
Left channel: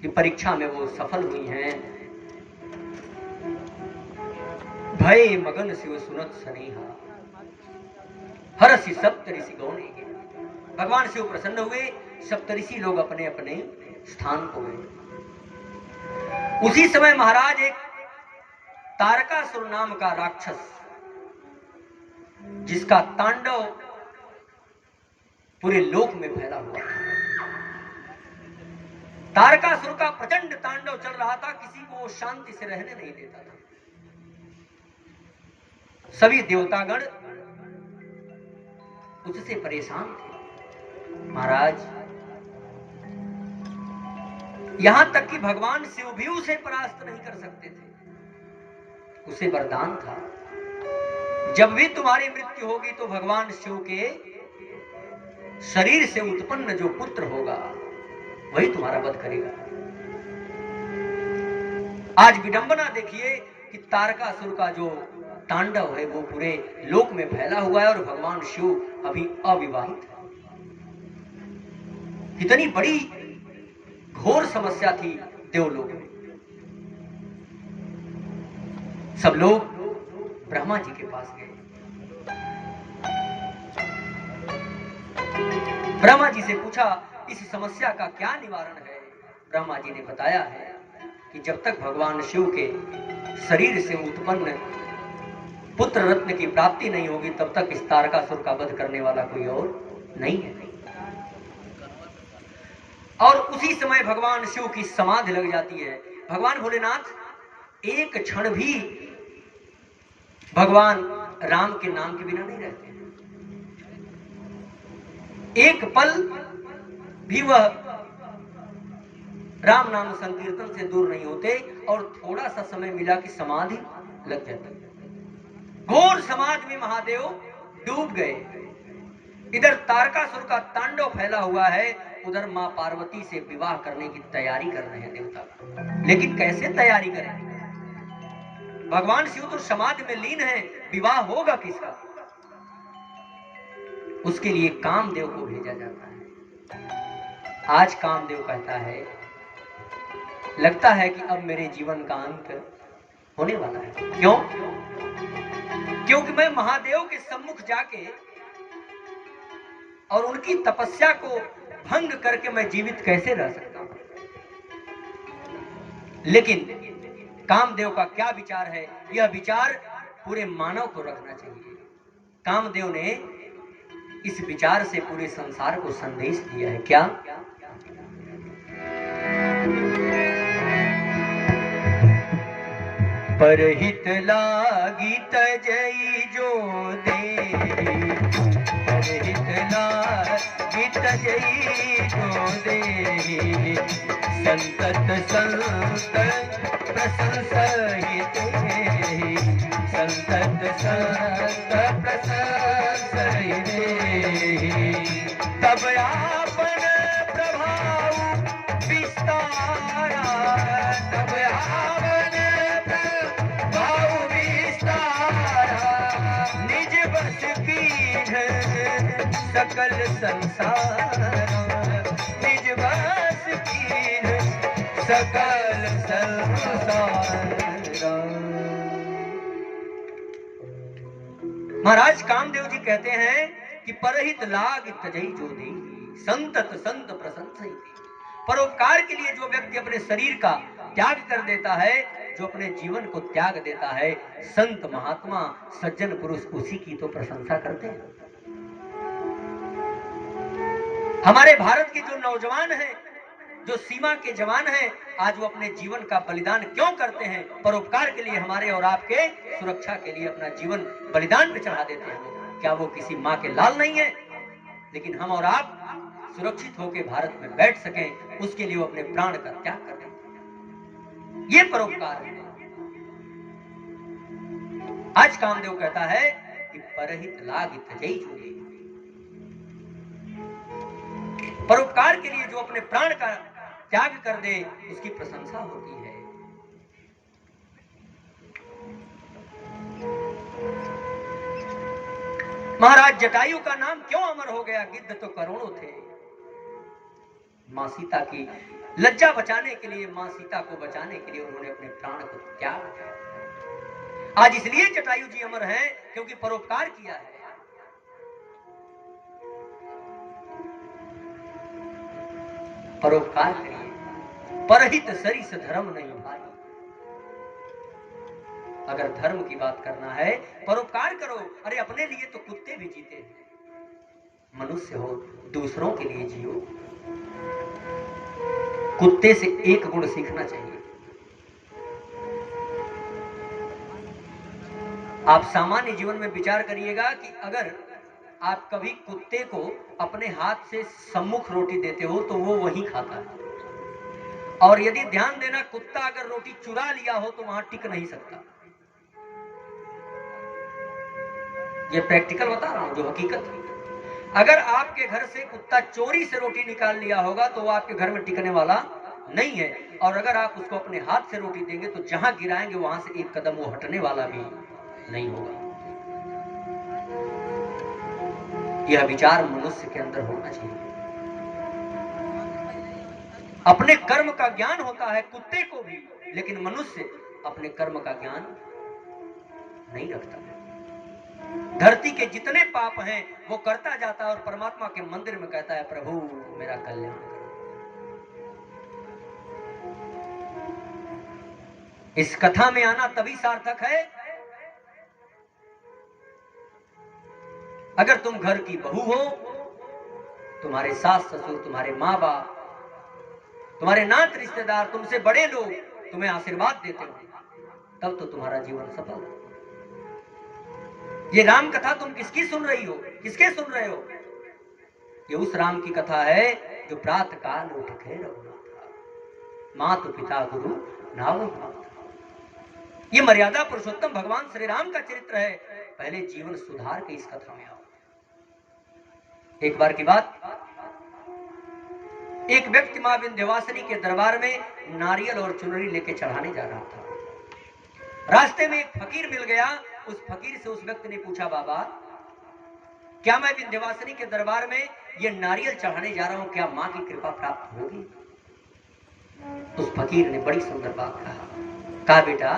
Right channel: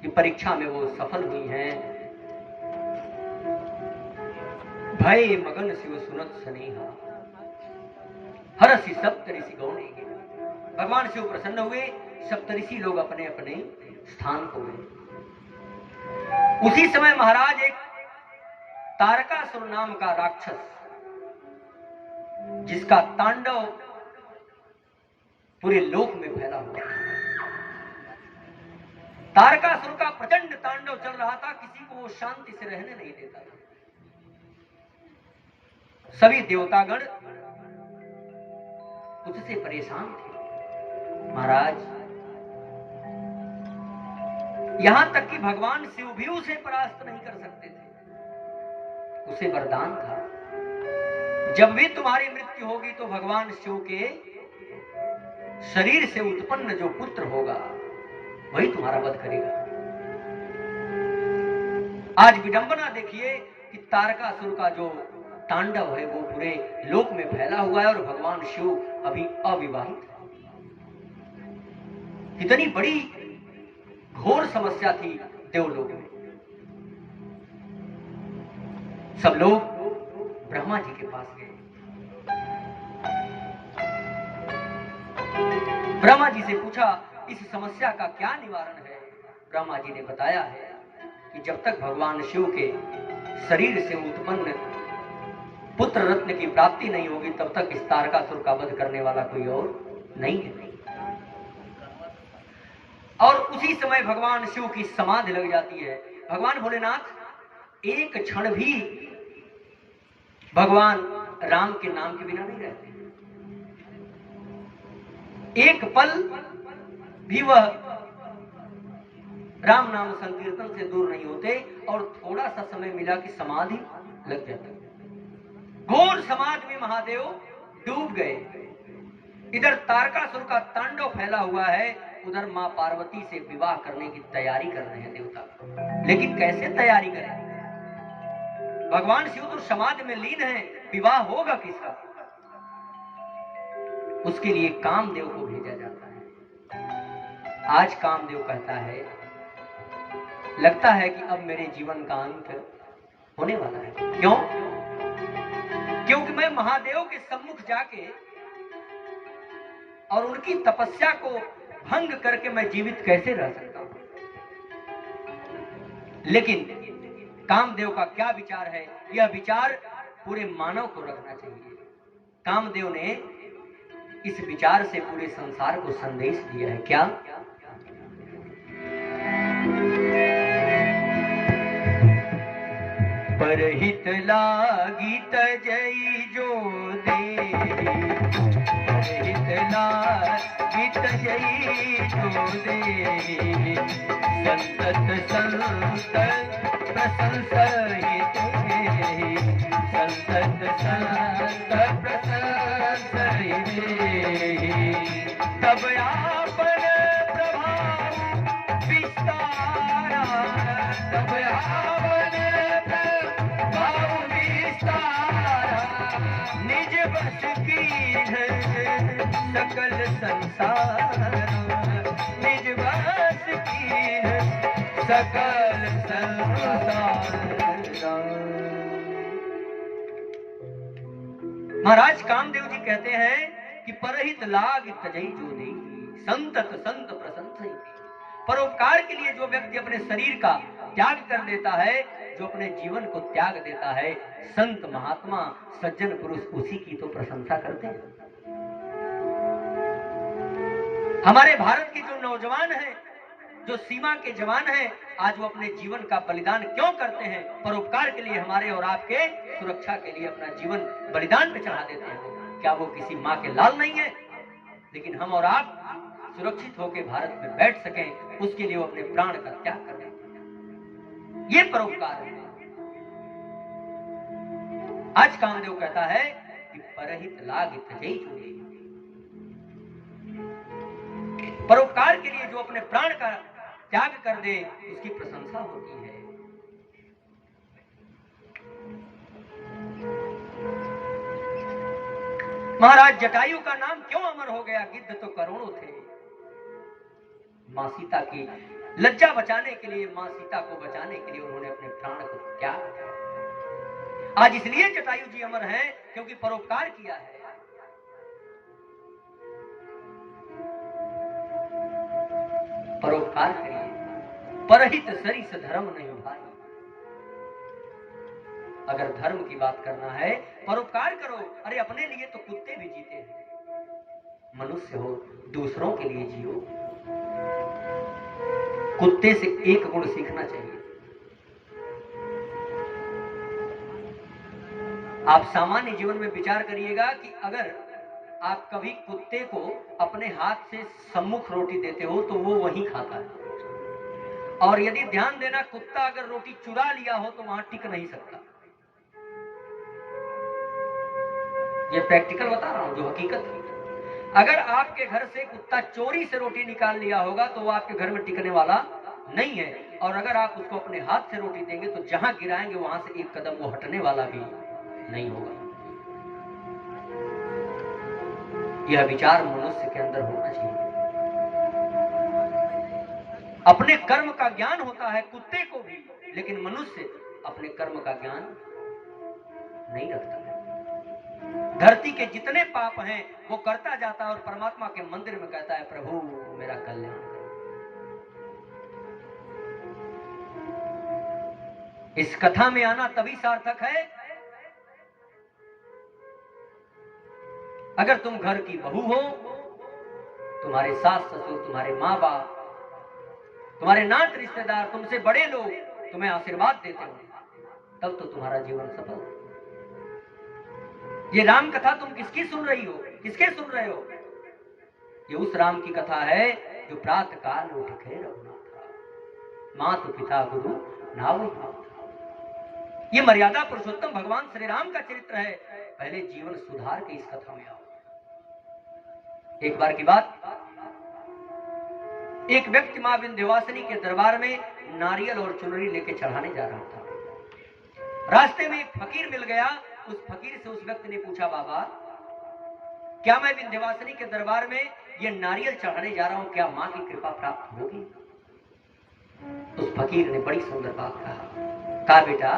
कि परीक्षा में वो सफल हुई हैं, भय मगन शिव सुनत सनेहा, हरसि सप्तऋषि गौने। भगवान शिव प्रसन्न हुए, सप्तऋषि लोग अपने अपने स्थान को गए। उसी समय महाराज एक तारकासुर नाम का राक्षस, जिसका तांडव पूरे लोक में फैला हुआ है, तारकासुर का प्रचंड तांडव चल रहा था, किसी को वो शांति से रहने नहीं देता था। सभी देवतागण उससे परेशान थे। महाराज यहां तक कि भगवान शिव भी उसे परास्त नहीं कर सकते थे। उसे वरदान था, जब भी तुम्हारी मृत्यु होगी तो भगवान शिव के शरीर से उत्पन्न जो पुत्र होगा वही तुम्हारा वध करेगा। आज विडंबना देखिए कि तारकासुर का जो तांडव है वो पूरे लोक में फैला हुआ है और भगवान शिव अभी अविवाहित है। इतनी बड़ी घोर समस्या थी देवलोक में। सब लोग ब्रह्मा जी के पास गए। ब्रह्मा जी से पूछा इस समस्या का क्या निवारण है। ब्रह्मा जी ने बताया है कि जब तक भगवान शिव के शरीर से उत्पन्न पुत्र रत्न की प्राप्ति नहीं होगी तब तक इस तारकासुर का वध करने वाला कोई और नहीं है। और उसी समय भगवान शिव की समाधि लग जाती है। भगवान भोलेनाथ एक क्षण भी भगवान राम के नाम के बिना नहीं रहते हैं। एक पल भी वह राम नाम संकीर्तन से दूर नहीं होते और थोड़ा सा समय मिला कि समाधि लग जाती। घोर समाधि में महादेव डूब गए। इधर तारकासुर का तांडव फैला हुआ है, उधर मां पार्वती से विवाह करने की तैयारी कर रहे हैं देवता। लेकिन कैसे तैयारी करें? भगवान शिव तो समाधि में लीन है, विवाह होगा किसका? उसके लिए कामदेव को भेजा जाता है। आज कामदेव कहता है लगता है कि अब मेरे जीवन का अंत होने वाला है। क्यों? क्योंकि मैं महादेव के सम्मुख जाके और उनकी तपस्या को भंग करके मैं जीवित कैसे रह सकता हूं? लेकिन कामदेव का क्या विचार है? यह विचार पूरे मानव को रखना चाहिए। कामदेव ने इस विचार से पूरे संसार को संदेश दिया है। क्या? परहित लागी तजई जो दे, परहित लागी तजई जो दे, संतत संत प्रशंसित संतत संत प्रशंसित तब आपन प्रभाव विस्तारा तब आपन प्रभाव विस्तारा निज बस की सकल संसार निज बस की सकल संसार। महाराज कामदेव जी कहते हैं कि परहित लाग तजई जो दे संतत संत प्रशंसई। परोपकार के लिए जो व्यक्ति अपने शरीर का त्याग कर देता है, जो अपने जीवन को त्याग देता है, संत महात्मा सज्जन पुरुष उसी की तो प्रशंसा करते हैं। हमारे भारत के जो नौजवान हैं, जो सीमा के जवान हैं, आज वो अपने जीवन का बलिदान क्यों करते हैं? परोपकार के लिए, हमारे और आपके सुरक्षा के लिए अपना जीवन बलिदान पे चढ़ा देते हैं। क्या वो किसी माँ के लाल नहीं है? लेकिन हम और आप सुरक्षित होकर भारत में बैठ सकें, उसके लिए वो अपने प्राण का त्याग कर देते हैं। ये परोपकार है। आज कामदेव कहता है कि परहित लाग तजई जो दे। परोपकार के लिए जो अपने प्राण का त्याग कर दे, उसकी प्रशंसा होती है। महाराज जटायु का नाम क्यों अमर हो गया? गिद्ध तो करोड़ों थे, मां सीता की लज्जा बचाने के लिए, मां सीता को बचाने के लिए उन्होंने अपने प्राण को त्याग किया। आज इसलिए जटायु जी अमर हैं क्योंकि परोपकार किया है। परोपकार करिए, परहित सरिस धर्म नहीं भाई। अगर धर्म की बात करना है, परोपकार करो। अरे अपने लिए तो कुत्ते भी जीते हैं। मनुष्य हो, दूसरों के लिए जियो। कुत्ते से एक गुण सीखना चाहिए। आप सामान्य जीवन में विचार करिएगा कि अगर आप कभी कुत्ते को अपने हाथ से सम्मुख रोटी देते हो तो वो वही खाता है, और यदि ध्यान देना, कुत्ता अगर रोटी चुरा लिया हो तो वहां टिक नहीं सकता। ये प्रैक्टिकल बता रहा हूं, जो हकीकत है। अगर आपके घर से कुत्ता चोरी से रोटी निकाल लिया होगा तो वो आपके घर में टिकने वाला नहीं है, और अगर आप उसको अपने हाथ से रोटी देंगे तो जहां गिराएंगे वहां से एक कदम वो हटने वाला भी नहीं होगा। यह विचार मनुष्य के अंदर होना चाहिए। अपने कर्म का ज्ञान होता है कुत्ते को भी, लेकिन मनुष्य अपने कर्म का ज्ञान नहीं रखता। धरती के जितने पाप हैं वो करता जाता है और परमात्मा के मंदिर में कहता है, प्रभु मेरा कल्याण करो। इस कथा में आना तभी सार्थक है अगर तुम घर की बहू हो, तुम्हारे सास ससुर, तुम्हारे माँ बाप, तुम्हारे नात रिश्तेदार, तुमसे बड़े लोग तुम्हें आशीर्वाद देते हो, तब तो तुम्हारा जीवन सफल है। ये राम कथा तुम किसकी सुन रही हो? किसके सुन रहे हो? ये उस राम की कथा है जो प्रातः काल उठ के मातु पिता गुरु नाव। ये मर्यादा पुरुषोत्तम भगवान श्री राम का चरित्र है। पहले जीवन सुधार के इस कथा में आओ। एक बार की बात, एक व्यक्ति मां विंध्यवासिनी के दरबार में नारियल और चुनरी लेके चढ़ाने जा रहा था। रास्ते में एक फकीर मिल गया। उस फकीर से उस व्यक्ति ने पूछा, बाबा क्या मैं विंध्यवासिनी के दरबार में ये नारियल चढ़ाने जा रहा हूं, क्या मां की कृपा प्राप्त होगी? उस फकीर ने बड़ी सुंदर बात कहा, बेटा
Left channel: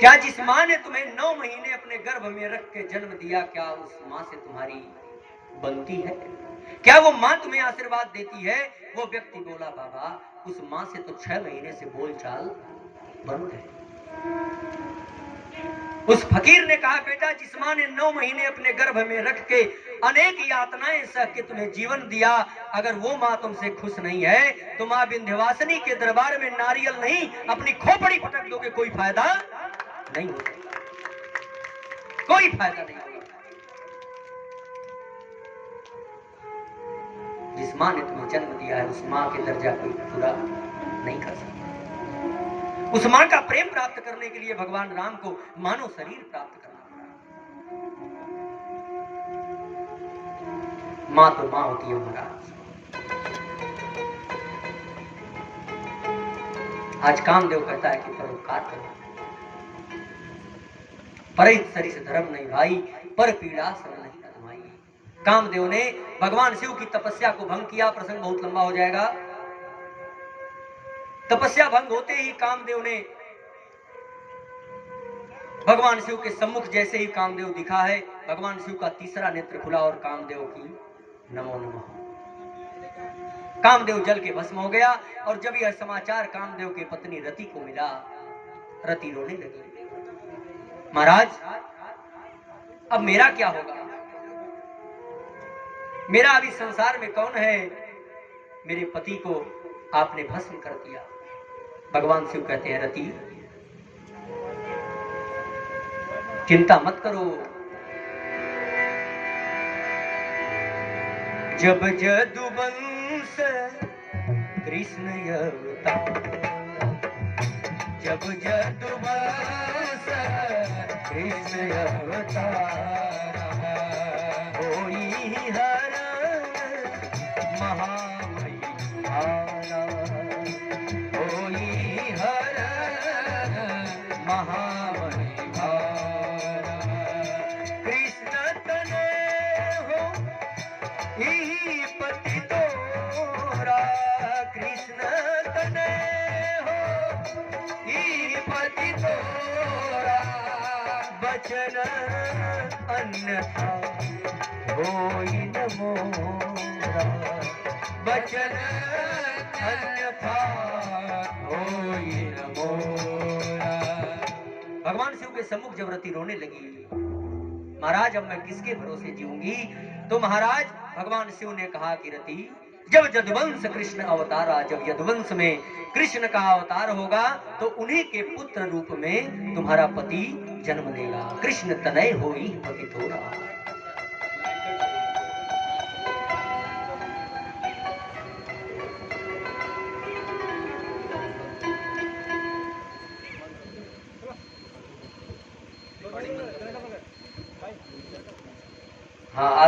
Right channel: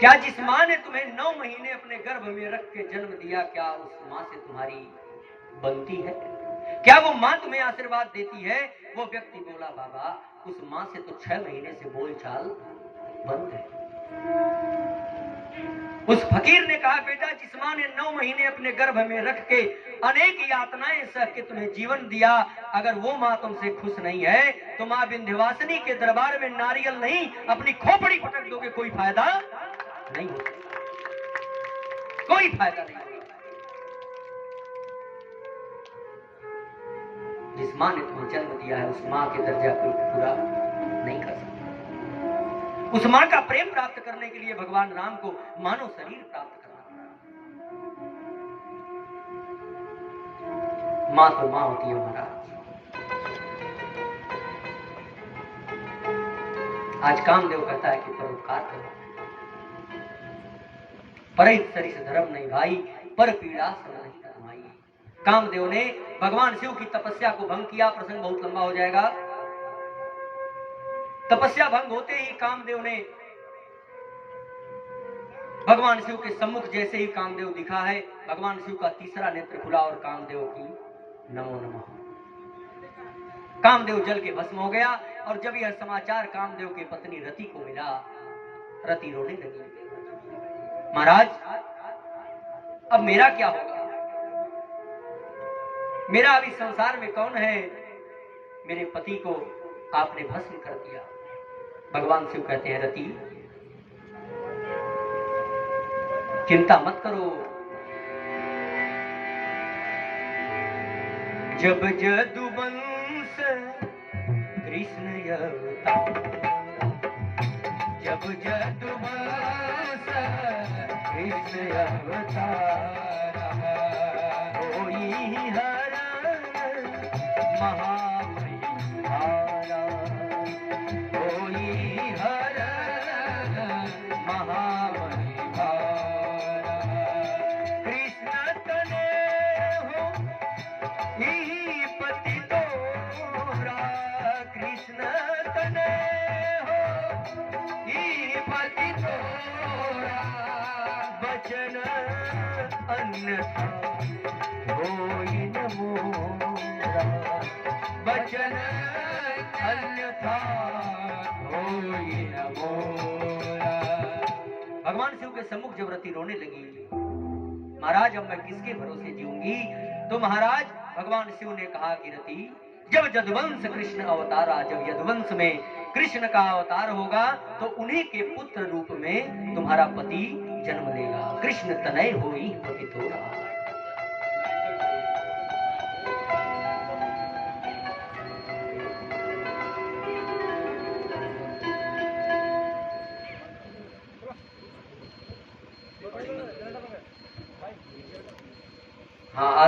क्या जिस मां ने तुम्हें 9 महीने अपने गर्भ में रख के जन्म दिया, क्या उस मां से तुम्हारी बनती है? क्या वो मां तुम्हें आशीर्वाद देती है? वो व्यक्ति बोला, बाबा उस मां से तो 6 महीने से बोलचाल बंद है। उस फकीर ने कहा, बेटा जिस मां ने 9 महीने अपने गर्भ में रख के अनेक यातनाएं सह के तुम्हें जीवन दिया, अगर वो मां तुमसे खुश नहीं है तो मां विंध्यवासिनी के दरबार में नारियल नहीं अपनी खोपड़ी पटक दोगे, कोई फायदा नहीं होगा, कोई फायदा नहीं होगा। जिस माँ ने तुम्हें जन्म दिया है उस माँ के दर्जा कोई पूरा नहीं कर सकता। उस माँ का प्रेम प्राप्त करने के लिए भगवान राम को मानव शरीर प्राप्त करना पड़ा। माँ तो माँ होती है महाराज। आज कामदेव कहता है कि परोपकार करो, परहित सरिस धर्म नहीं भाई, पर पीड़ा श्रम नहीं कमाई। कामदेव ने भगवान शिव की तपस्या को भंग किया। प्रसंग बहुत लंबा हो जाएगा। तपस्या भंग होते ही कामदेव ने भगवान शिव के सम्मुख जैसे ही कामदेव दिखा है, भगवान शिव का तीसरा नेत्र खुला और कामदेव की नमो नमः। कामदेव जल के भस्म हो गया। और जब यह समाचार कामदेव की पत्नी रति को मिला, रति रोने लगी। महाराज, अब मेरा क्या होगा? मेरा अभी संसार में कौन है? मेरे पति को आपने भस्म कर दिया। भगवान शिव कहते हैं, रति चिंता मत करो। जब जदुवंश कृष्ण अवतार, जब जदुवंश कृष्ण अवतार, होई हर महामहिमारा, होई हर महामहिमारा। कृष्ण तने हो ही पति तोरा, कृष्ण तने हो ही पति तोरा, बचन अन्यथा होई न मोरा, बचन अन्यथा होई न मोरा। भगवान शिव के सम्मुख जब रति रोने लगी, महाराज अब मैं किसके भरोसे जीऊंगी? तो महाराज भगवान शिव ने कहा कि रति, जब यदुवंश कृष्ण अवतारा, जब यदुवंश में कृष्ण का अवतार होगा तो उन्हीं के पुत्र रूप में तुम्हारा पति जन्म लेगा। कृष्ण तनय होई पति तोरा। हाँ।